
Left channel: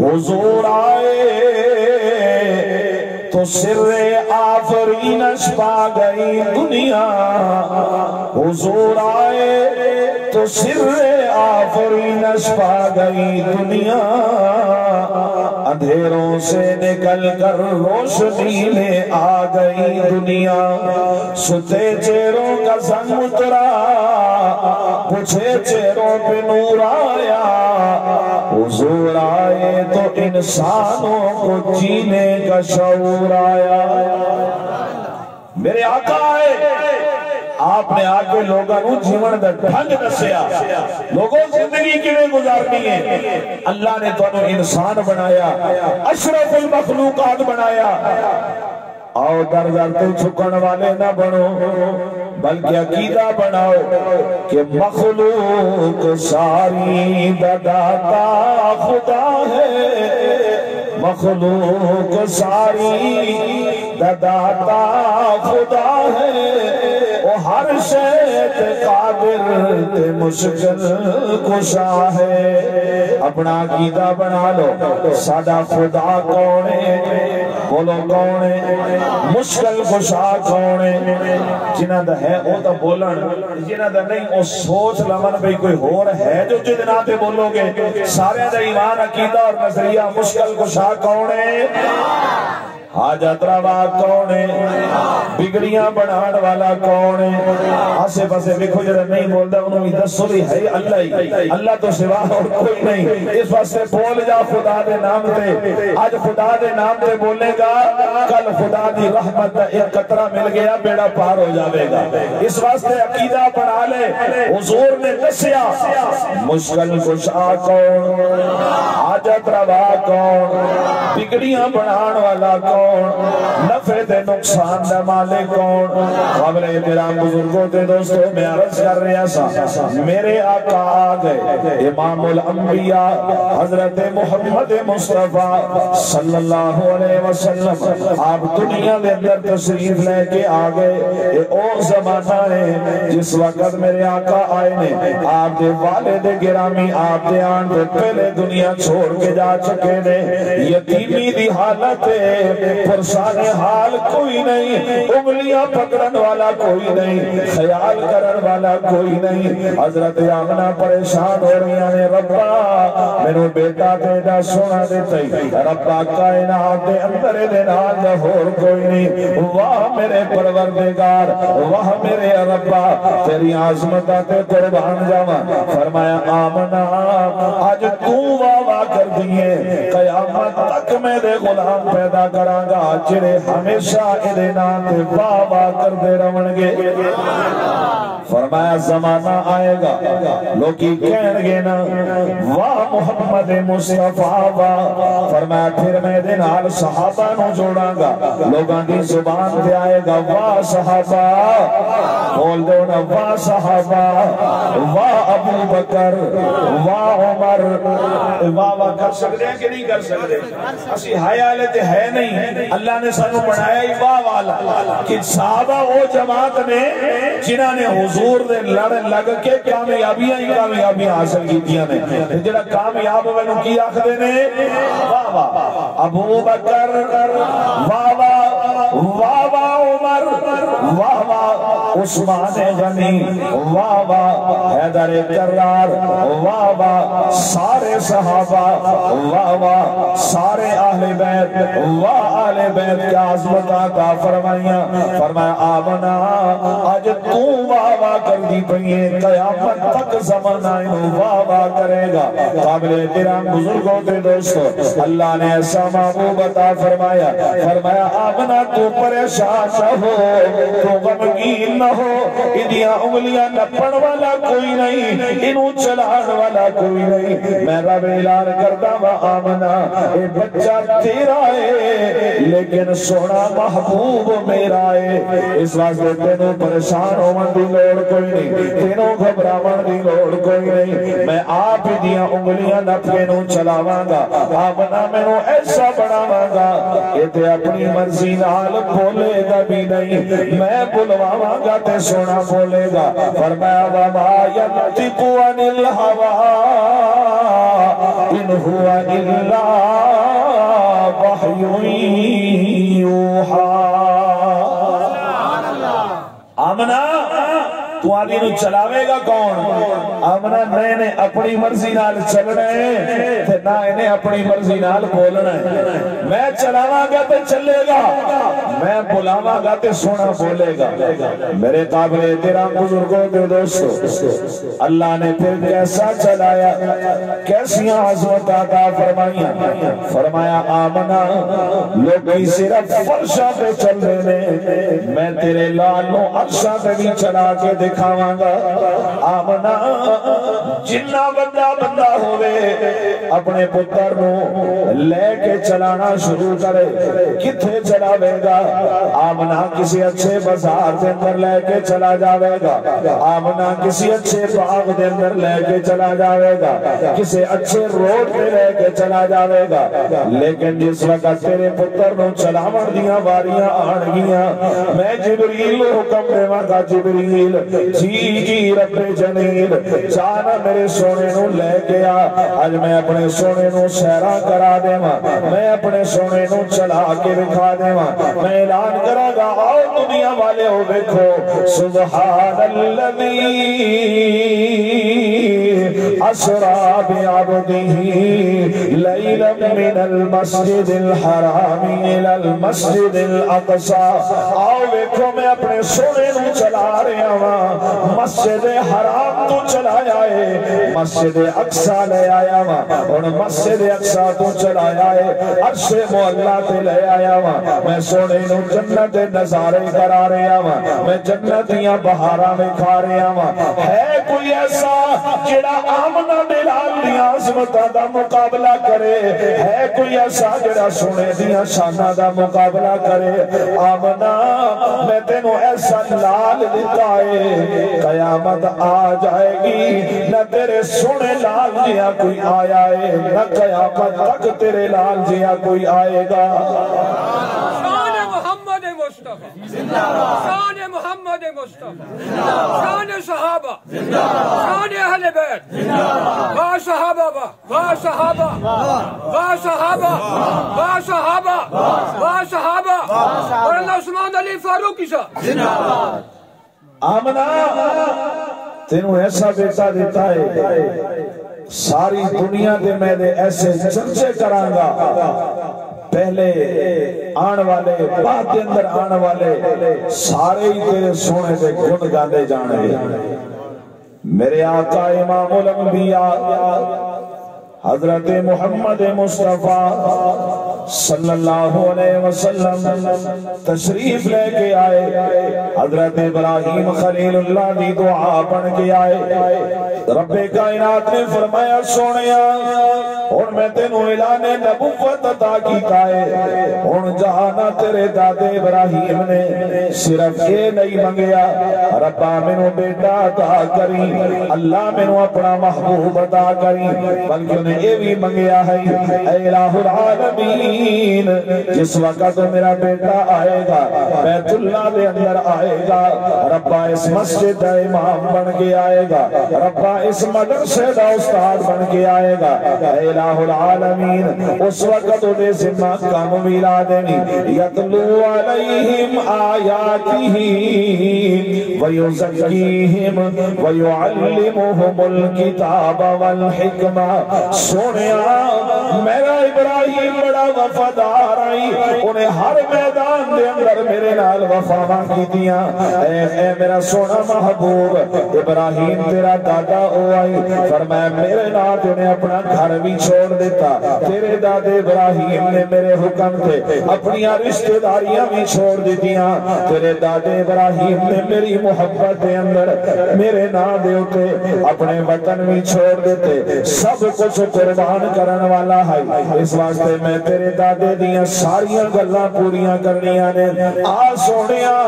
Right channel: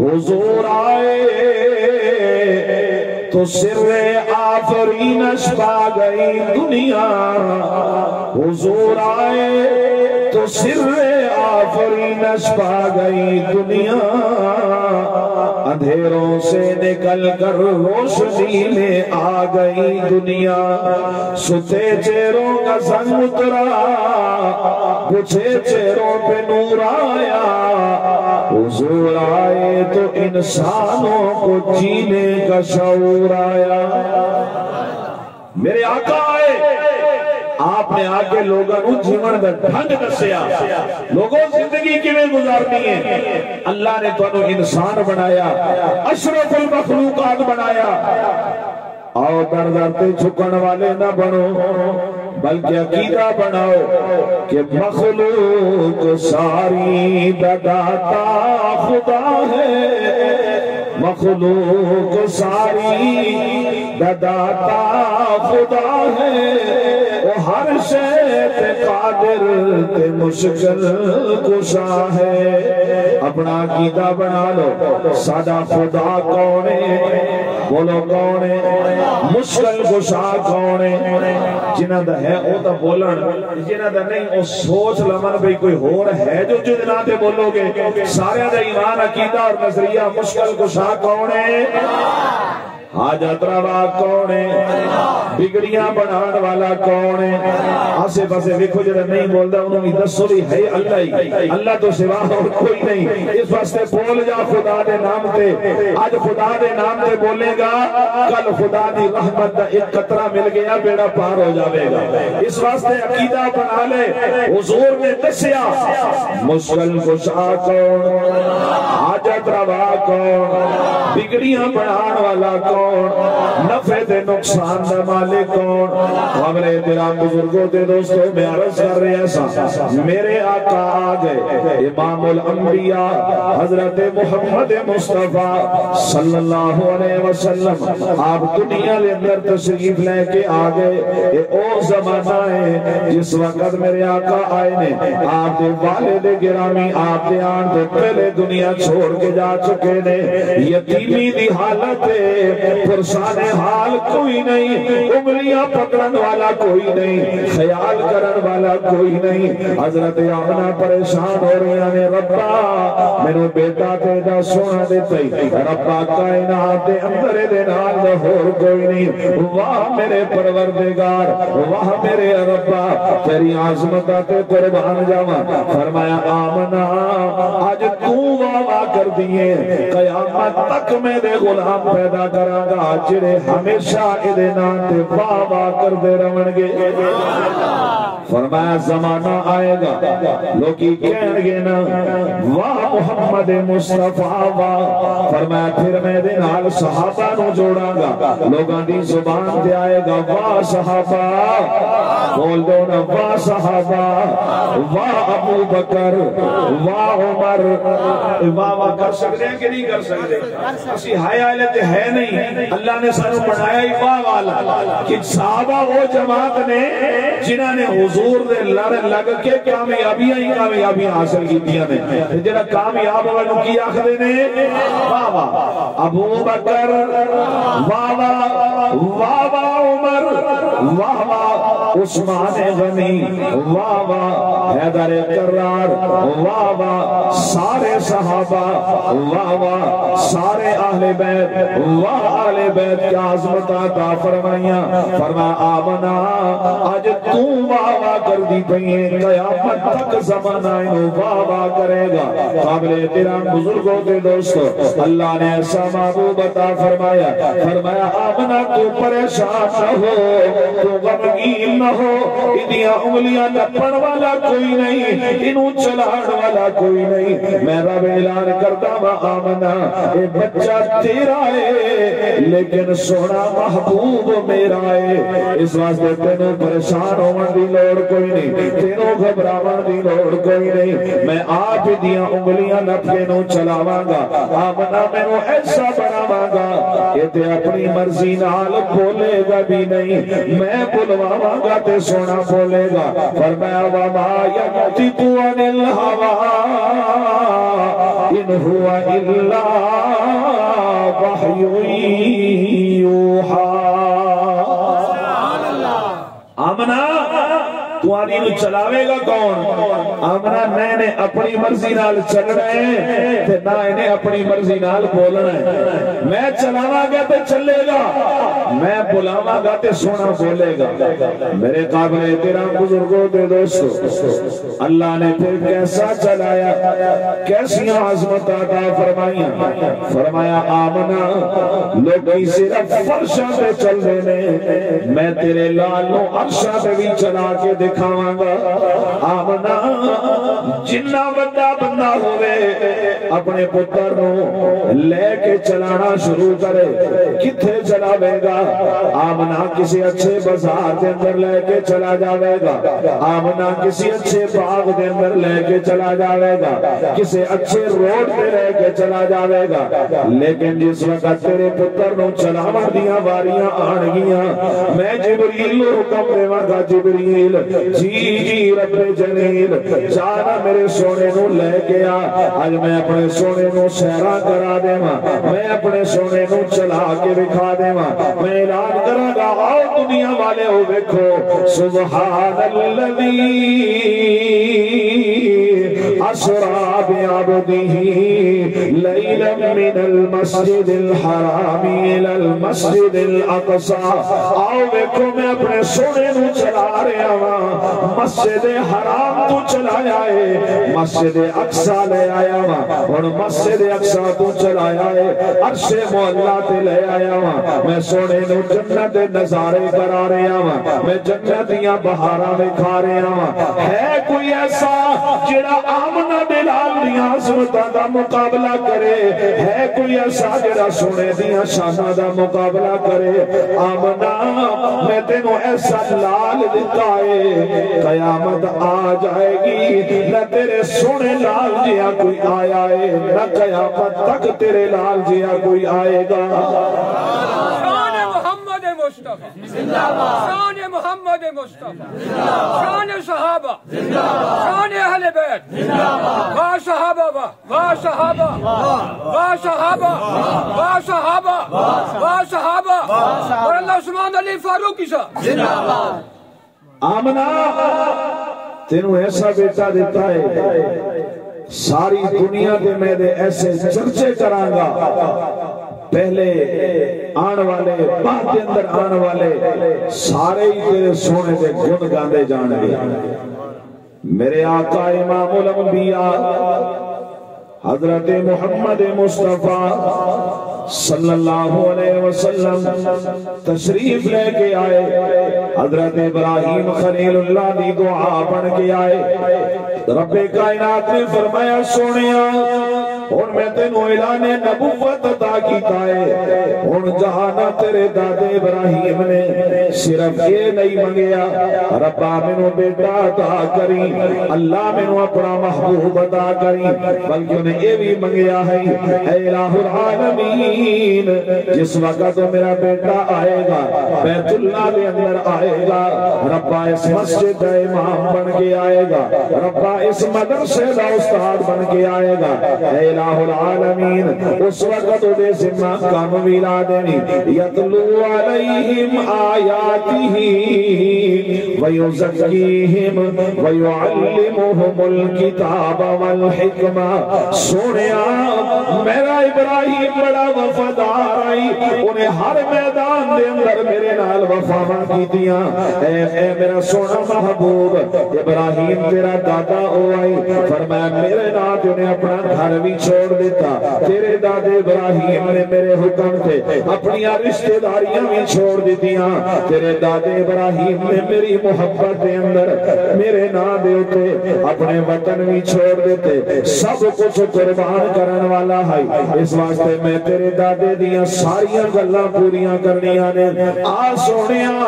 حضور آئے تو سر آفرینش پا گئی دنیا، حضور آئے تو سر آفرینش پا گئی دنیا، اندھیروں سے نکل کر روشنی میں آ گئی دنیا، ستے چہروں کا زنگ اترا بجھے چہروں پہ نور آیا، حضور آئے تو انسانوں کو جینے کا شعور آیا۔ میرے آقا آئے، آپ نے آگے لوگاں نو جیون دا ڈھنگ دسیا، لوگوں زندگی کے لئے گزارنی ہے۔ اللہ نے تو انہوں انسان بنایا، اشرف المخلوقات بنایا۔ آؤ در در تے چھکن والے نہ بنو، بلکہ عقیدہ بناؤ کہ مخلوق ساری داتا خدا ہے، مخلوق ساری داتا خدا ہے، وہ ہر شے تے قادر تے مشکل کشا ہے۔ اپنا عقیدہ بنا لو، سادہ خدا کون ہے؟ بولو کون ہے؟ مشکل کشا کون ہے؟ جنہ دا ہے او دا بولن، جنہ دا نہیں او سوچ لمن بھئی کوئی ہور ہے جو جدنا دے بولو گے۔ سارے دا ایمان عقیدہ اور نظریہ مشکل کشا کون ہے؟ حاجت روا کون ہے؟ بگڑیاں بنان والا کون ہے؟ آسے پاسے دیکھو جرہ نہیں بولدا انہوں ہی دسو بھی ہے اللہ ہی، اللہ تو سوا اور کوئی نہیں۔ اس واسطے بول جا خدا دے نام تے، آج خدا دے نام تے بولے گا، کل خدا دی رحمت دا ایک قطرہ مل گیا بیڑا پار ہو جاوے گا۔ اس واسطے عقیدہ بنا لے، حضور نے دسیا مشکل کشا کون، حاجت روا کون، بگڑیاں بنان والا کون، نفع دے نقصان دا مالک کون۔ قبلے تیرا بزرگوں دے دوستوں میں عرض کر رہا سا، میرے آقا آگئے امام الانبیاء حضرت محمد مصطفیٰ صلی اللہ علیہ وسلم، آپ دنیا لے اندر تشریف لے کے آگئے۔ اے او زمانہ ہے جس وقت میرے آقا آئے نے، آپ دے والد گرامی آپ دے آن دے پہلے دنیا چھوڑ کے جا چکے نے، یتیمی دی حالت ہے، پرسان حال کوئی نہیں، انگلیاں پکڑن والا کوئی نہیں، خیال کرن والا کوئی نہیں۔ حضرت آمنہ پریشان ہو رہی ہیں، ربا میں بیٹا تیدا سونا دیتا ہی، ربا کائنات دے اندر دے نال جہور کوئی نہیں۔ واہ میرے پروردگار، واہ میرے ربا، تیری عظمتہ تے قربان جاواں۔ فرمایا آمنہ آج تو واہ کر دیئے، قیامت تک میں دے غلام پیدا کراں گا جڑے ہمیشہ ادھے نام تے واہ واہ کر دے رہن گے۔ فرمایا زمانہ آئے گا لوگی کہن گے نا واہ محمد مصطفیٰ واہ، فرمایا پھر میں دے نال صحابہ نو جوڑاں گا، لوگاں دی زبان تے آئے گا واہ صحابہ، بول دو نا واہ صحابہ، واہ ابو بکر، واہ عمر، واہ واہ کر سکتے ہیں کہ نہیں کر سکتے؟ اسی حیالے تے ہے نہیں، اللہ نے سانو بنایا ہی واہ والا کہ صحابہ وہ جماعت نے جنہاں نے حضور دے لڑ لگ کے کامیابیاں حاصل کیتیاں نے، جڑا کامیاب ہوئے نو کی آخدے نے واہ واہ ابو بکر، واہ واہ واہ واہ عمر، واہ واہ عثمان غنی، واہ واہ حیدر کرار، واہ واہ سارے صحابہ، واہ واہ سارے اہل بیت، واہ اہل بیت کیا عظمت عطا فرمائیاں، فرمایا آمنا آج تو واہ واہ کر دی پئیے، قیامت تک زمانہ انہوں واہ واہ کرے گا۔ قابل احترام بزرگوں کے دوستو، اللہ نے ایسا محبوب عطا فرمایا، فرمایا آمنا تو پریشان نہ ہو، تو غمگین نہ ہو، ادیاں انگلیاں نپڑ والا کوئی نہیں، انہوں چلاڑ والا کوئی نہیں، میں رب اعلان کرتا ہوں آمنا اے بچہ تیرا ہے لیکن سونا محبوب میرا ہے، اس واسطے تینوں پریشان ہون دی لوڑ کوئی نہیں، تینوں گھبراون دی لوڑ کوئی نہیں، میں آپ دیاں انگلیاں نپے نو چلاواں گا، آمنا میں نو ایسا بناواں گا کہ تے اپنی مرضی نال بولے گا بھی نہیں، میں بلواواں گا تے سونا بولے گا، فرمایا وما ينطق عن الهوى ان هو الا وحی یوحی۔ آمنا تو آنی نو چلاوے گا کون؟ آمنا میں نے اپنی مرضی نال چلنا ہے تے نہ انہیں اپنی مرضی نال بولنا ہے، میں چلاواں گا تے چلے گا، میں بلاواں گا تے سونا بولے گا۔ میرے قابل احترام بزرگوں دے دوستو، اللہ نے پھر کیسا چلایا، کیسی عظمت عطا فرمائیاں، فرمایا آمنا لوگی صرف فرشاں پہ چل رہے نے، میں تیرے لالوں عرشاں پہ بھی چلا کے دکھاواں گا۔ آمنا جنہ بندہ ہوئے اپنے پتر نو لے کے چلانا شروع کرے، کتھے چلاوے گا؟ آمنا کسی اچھے بازار دے اندر لے کے چلا جاوے گا، آمنا کسی اچھے باغ دے اندر لے کے چلا جاوے گا، کسی اچھے روڈ پہ لے کے چلا جاوے گا، لیکن جس وقت تیرے پتر نو چلاون دیاں واریاں آن گیاں، میں جبریل حکم دیواں گا، جبریل جی رب جلیل جانا میرے سونے نو لے گیا، آج میں اپنے سونے نو سیرا کرا دے ماں، میں اپنے سونے نو چلا کے دکھا دے ماں، میں اعلان کرا گا آؤ دنیا والے ہو دیکھو سبحان الذی اسرا بعبدہ لیلا من المسجد الحرام الى المسجد الاقصی، آؤ دیکھو میں اپنے سونے نو چلا رہا ہوں، مسجد حرام تو چلایا ہے، مسجد اقصی لے آیا ہوں، اور مسجد اقصی تو چلایا ہے، عرش مولا تے لے آیا ہوں، میں سونے نو جنت نظارے کرا رہا ہوں، میں جنتیاں بہارا میں کھا رہا ہوں۔ ہے کوئی ایسا جڑا آمنا بلال دیاں عظمتاں دا مقابلہ کرے؟ ہے کوئی ایسا جڑا سونے دیاں شاناں دا مقابلہ کرے؟ آمنا میں تینوں ایسا لال دیتا ہے، قیامت آ جائے گی نہ تیرے سونے لال جیا کوئی آیا ہے، نہ قیامت تک تیرے لال جیا کوئی آئے گا۔ شان محمد مصطفیٰ، شان محمد مصطفیٰ، شان صحابہ، شان اہل بیت، واہ صحابہ، واہ صحابہ، واہ صحابہ، واہ صحابہ، واہ صحابہ، مولانا عثمان علی فاروقی صاحب۔ آمنا تینوں ایسا بیٹا دیتا ہے، ساری دنیا دے میں دے ایسے چرچے کروں گا، پہلے آن والے بعد دے اندر آن والے سارے ہی تیرے سونے دے گن گاندے جانے گے۔ میرے آقا امام الانبیاء حضرت محمد مصطفیٰ صلی اللہ علیہ وسلم تشریف لے کے آئے، حضرت ابراہیم خلیل اللہ کی دعا پڑھ کے آئے۔ رب کائنات نے فرمایا سونیا اور میں تینوں اعلان نبوت عطا کیتا ہے، اور جہانا تیرے دادے ابراہیم نے صرف یہ نہیں منگیا ربا مینوں بیٹا عطا کری، اللہ مینوں اپنا محبوب عطا کری، بلکہ انہیں یہ بھی منگیا ہے اے الہ العالمین جس وقت میرا بیٹا آئے گا بیت اللہ دے اندر آئے گا، ربا اس مسجد دا امام بن کے آئے گا، ربا اس مدرسے دا استاد بن کے آئے گا، اے الہ العالمین اس وقت دے ذمہ کام ملا دینی یتلو علیہم آیاتہ ویزکیہم ویعلمہم الکتاب والحکمہ۔ سونیا میرا ابراہیم بڑا وفادار آئی، انہیں ہر میدان دے اندر میرے نال وفاواں کیتیاں، اے میرا سونا محبوب ابراہیم تیرا دادا او آئی، فرمایا میرے نال انہیں اپنا گھر بھی چھوڑ دیتا، تیرے دادے ابراہیم نے میرے حکم تے اپنی رشتہ داریاں بھی چھوڑ دیتیاں، تیرے دادے ابراہیم نے میری محبت دے اندر میرے نا دے ہوتے اپنے وطن بھی چھوڑ دیتے، سب کچھ قربان کرن والا ہے، اس واسطے میں تیرے دادے دیاں ساریاں گلاں پوریاں کرنیاں نے۔ آ سونیا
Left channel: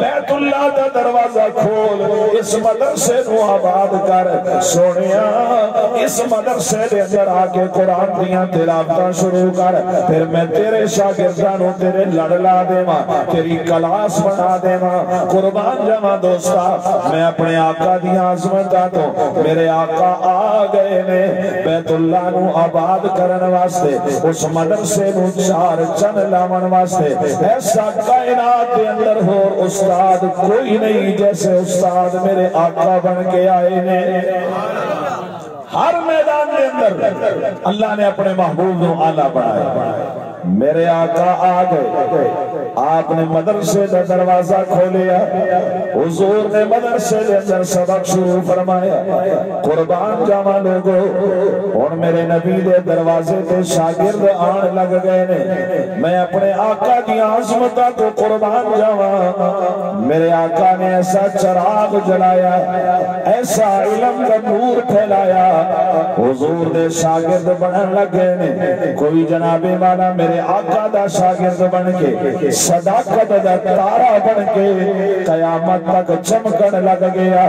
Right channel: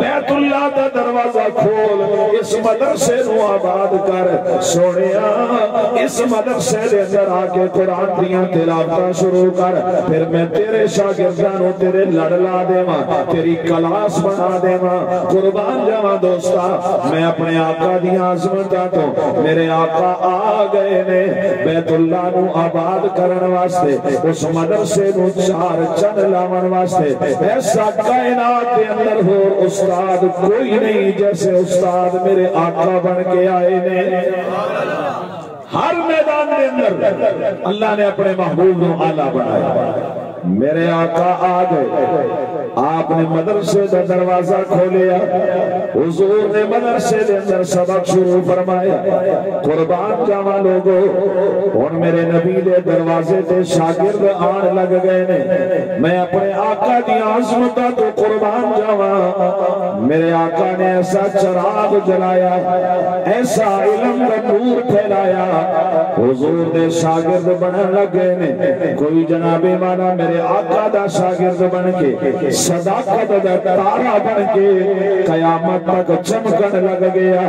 بیت اللہ دا دروازہ کھول، اس مدرسے نو آباد کر، سونیا اس مدرسے دے اندر آ کے قرآن دیاں تلاوتاں شروع کر، پھر میں تیرے شاگردانوں تیرے لڑ لا دیواں، تیری کلاس بنا دیواں، قربان جاواں دوستا۔ میں اپنے آقا دیاں عظمتاں تو میرے آقا آ گئے نے بیت اللہ نو آباد کرن واسطے، اس مدرسے نو چار چن لاون واسطے، ایسا کائنات دے اندر ہو استاد کوئی نہیں جیسے استاد میرے آقا بن کے آئے نے۔ ہر میدان دے اندر اللہ نے اپنے محبوب نو آلہ بنایا، میرے آقا آ گئے، آپ نے مدرسے دا دروازہ کھولیا، حضور نے مدرسے دے اندر سبق شروع فرمایا، قربان جاواں لوگو اور میرے نبی دے دروازے تے شاگرد آن لگ گئے نے، میں اپنے آقا دی عظمتاں تو قربان جاواں، میرے آقا نے ایسا چراغ جلایا، ایسا علم دا نور پھیلایا، حضور دے شاگرد بنن لگے نے، کوئی جناب والا میرے آقا دا شاگرد بن کے صداقت دا تارا بن کے قیامت تک چمکن لگ گیا،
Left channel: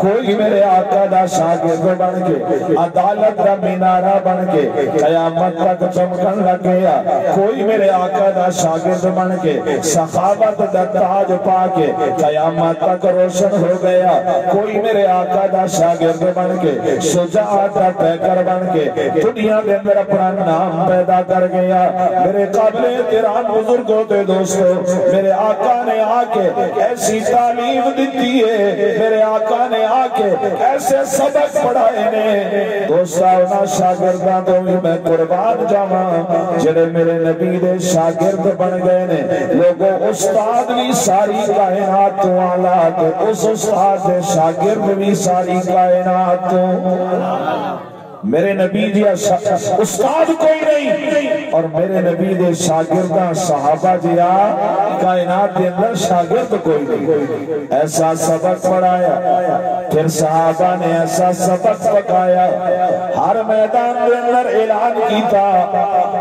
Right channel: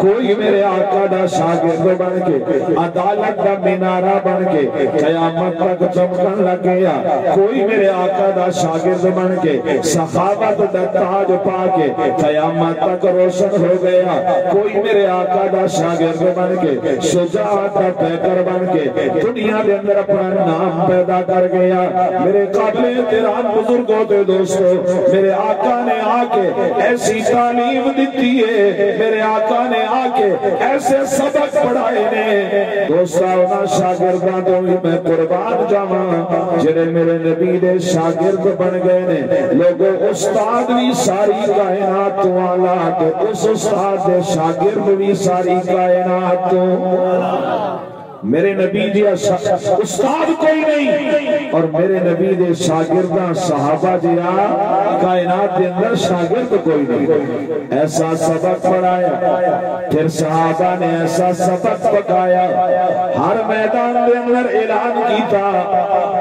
کوئی میرے آقا دا شاگرد بن کے عدالت دا مینارہ بن کے قیامت تک چمکن لگ گیا، کوئی میرے آقا دا شاگرد بن کے سخاوت دا تاج پا کے قیامت تک روشن ہو گیا، کوئی میرے آقا دا شاگرد بن کے شجاعت دا پیکر بن کے دنیا دے اندر اپنا نام پیدا کر گیا۔ میرے قابل احترام بزرگوں تے دوستو، میرے آقا نے آ کے ایسی تعلیم دیتی ہے، میرے آقا نے آ کے ایسے سبق پڑھائے نے، دوستو انہاں شاگرداں تو بھی میں قربان جاواں جڑے میرے نبی دے شاگرد بن گئے نے۔ لوگوں استاد بھی ساری کائنات تو آلہ، تو اس استاد دے شاگرد بھی ساری کائنات تو، میرے نبی جی استاد کوئی نہیں اور میرے نبی دے شاگرداں صحابہ جیا کائنات دے اندر شاگرد کوئی نہیں۔ ایسا سبق پڑھایا، پھر صحابہ نے ایسا سبق پکایا، ہر میدان دے اندر اعلان کیتا،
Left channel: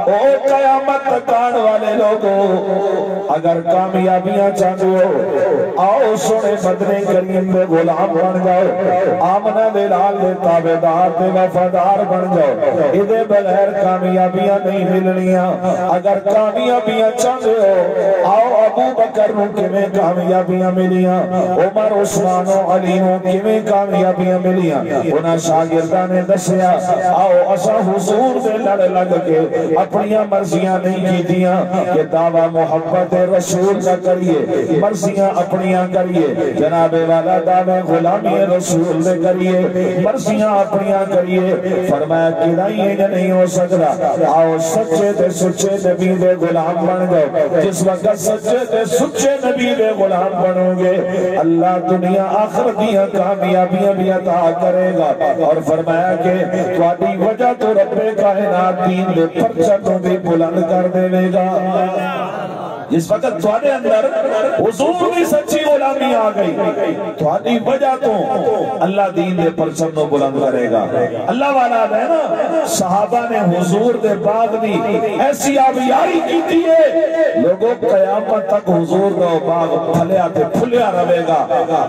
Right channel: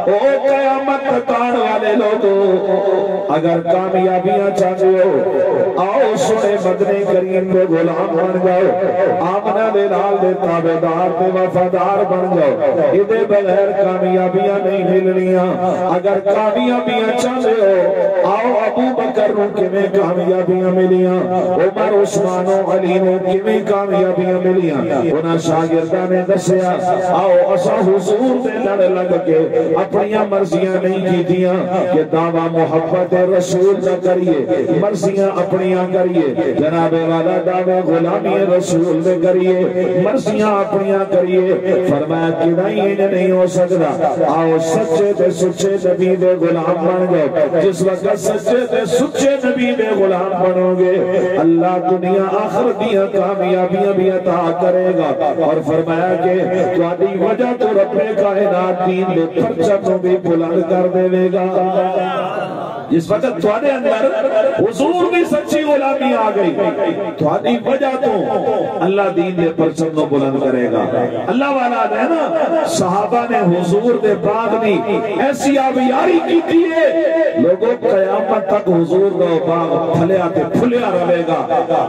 او قیامت تک آنے والے لوگوں اگر کامیابیاں چاہتے ہو آؤ سونے مدنی کریم دے غلام بن جاؤ، آمنہ دے لال دے تابعدار دے وفادار بن جاؤ، ادھے بغیر کامیابیاں نہیں ملنیاں۔ اگر کامیابیاں چاہتے ہو آؤ ابو بکر نو کیویں کامیابیاں ملیاں، عمر عثمان و علی نو کیویں کامیابیاں ملیاں، انہاں شاگرداں نے دسیا آؤ اسا حضور دے لڑ لگ کے اپنیاں مرضیاں نہیں کیتیاں کہ دعویٰ محبت رسول نہ کریے، مرضیاں اپنیاں کریے، جناب والا دعوے غلامی رسول دے کریے، مرضیاں اپنیاں کریے، فرمایا کہ نہیں ہو سکتا، آؤ سچے تے سچے نبی دے غلام بن جاؤ۔ جس وقت سچے تے سچے نبی دے غلام بنو گے اللہ دنیا آخر دیا کامیابیاں بھی عطا کرے گا، اور فرمایا کہ تہاڈی وجہ تو رب کائنات دین دے پرچم بھی بلند کر دے گا۔ جس وقت تھوڑے اندر حضور کی سچی غلامی آ گئی، تھوڑی وجہ تو اللہ دین دے پرچم نو بلند کرے گا۔ اللہ والا ہے نا، صحابہ نے حضور دے باغ دی ایسی آبیاری کی تھی ہے، لوگوں قیامت تک حضور دا باغ پھلیا تے پھلیا رہے گا،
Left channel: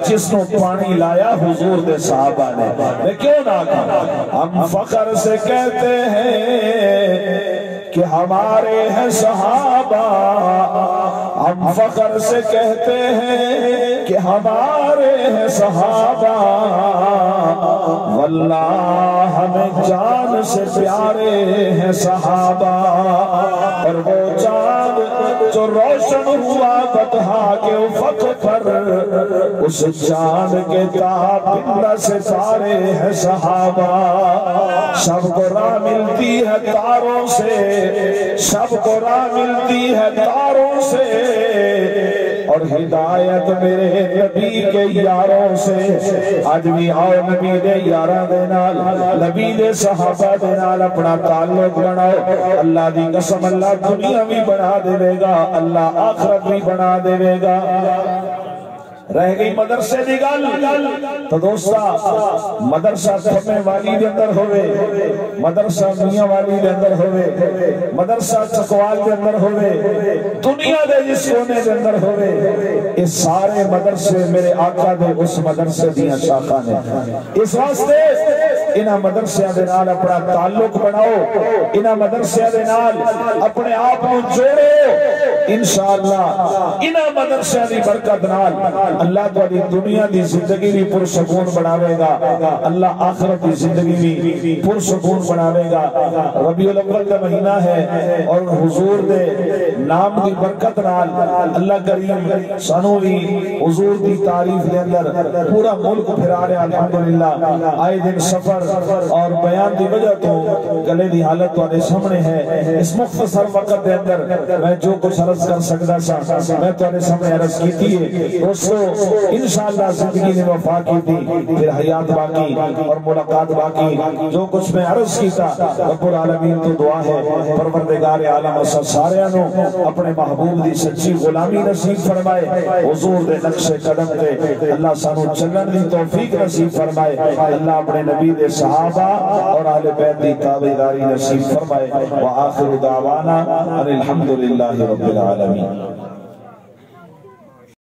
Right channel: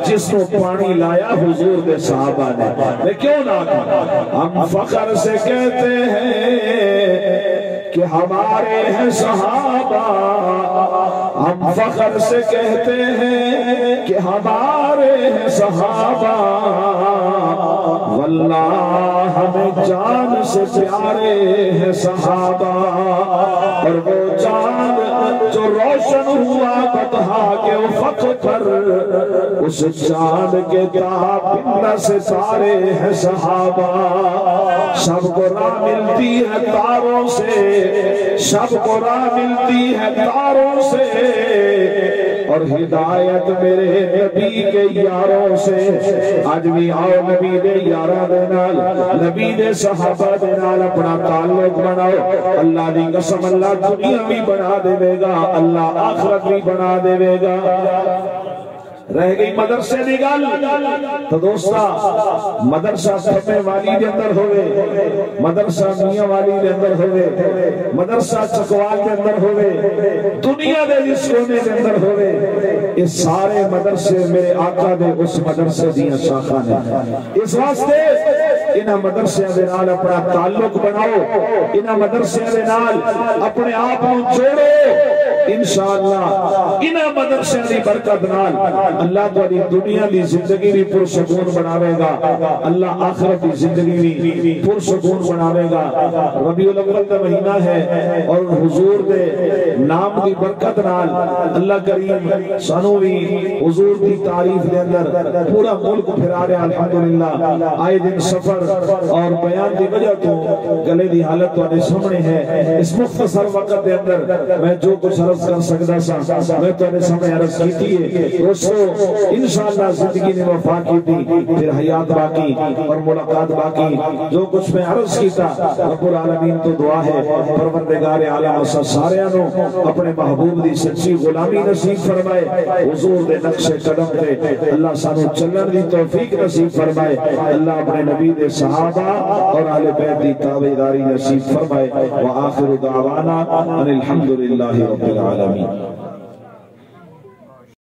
جس نو پانی لایا حضور دے صحابہ نے۔ میں کیوں نہ کہا، ہم فخر سے کہتے ہیں کہ ہمارے ہیں صحابہ، ہم فخر سے کہتے ہیں کہ ہمارے ہیں صحابہ، واللہ ہمیں جان سے پیارے ہیں صحابہ۔ اور وہ چاند جو روشن ہوا بطحا کے افق پر، اس چاند کے تابندہ ستارے ہیں صحابہ۔ سب کو راہ ملتی ہے تاروں سے، سب کو راہ ملتی ہے تاروں سے، اور ہدایت میرے نبی کے یاروں سے۔ آج بھی آؤ نبی دے یاراں دے نال، نبی دے صحابہ دے نال اپنا تعلق بناؤ۔ اللہ دی قسم اللہ دنیا بھی بنا دے گا، اللہ آخرت بھی بنا دے گا۔ رہ گئی مدرسے دی گل، تو دوستا مدرسہ تھپے والی دے اندر ہوئے، مدرسہ میاں والی دے اندر ہوئے، مدرسہ چکوال دے اندر ہوئے، دنیا دے جس کونے دے اندر ہوئے، اس سارے مدرسے میرے آقا دے اس مدرسے دیاں شاخاں نے۔ اس واسطے انہاں مدرسے دے نال اپنا تعلق بناؤ، انہاں مدرسے دے نال اپنے آپ کو جوڑو، انشاءاللہ انہاں مدرسے دی برکت نال اللہ تہاڈی دنیا دی زندگی بھی پرسکون بناوے گا، اللہ آخرت دی زندگی بھی پرسکون بناوے گا۔ ربیع الاول کا مہینہ ہے، اور حضور دے نام دی برکت نال اللہ کریم سانو بھی حضور دی تعریف دے اندر پورا ملک پھرا رہا الحمدللہ۔ آئے دن سفر اور بیان دی وجہ تو گلے دی حالت تہاڈے سامنے ہے۔ اس مختصر وقت دے اندر میں جو کچھ عرض کر سکدا سا میں تہاڈے سامنے عرض کیتی ہے۔ دوستو انشاءاللہ زندگی نے وفا کی تھی، پھر حیات باقی اور ملاقات باقی۔ جو کچھ میں عرض کیتا رب العالمین تو دعا ہے پروردگار عالم سارے نو اپنے محبوب دی سچی غلامی نصیب فرمائے، حضور دے نقش قدم تے اللہ سانو چلن دی توفیق نصیب فرمائے، اللہ اپنے نبی دے صحابہ اور اہل بیت دی تابعداری نصیب فرمائے۔ وآخر دعوانا ان الحمدللہ رب العالمین۔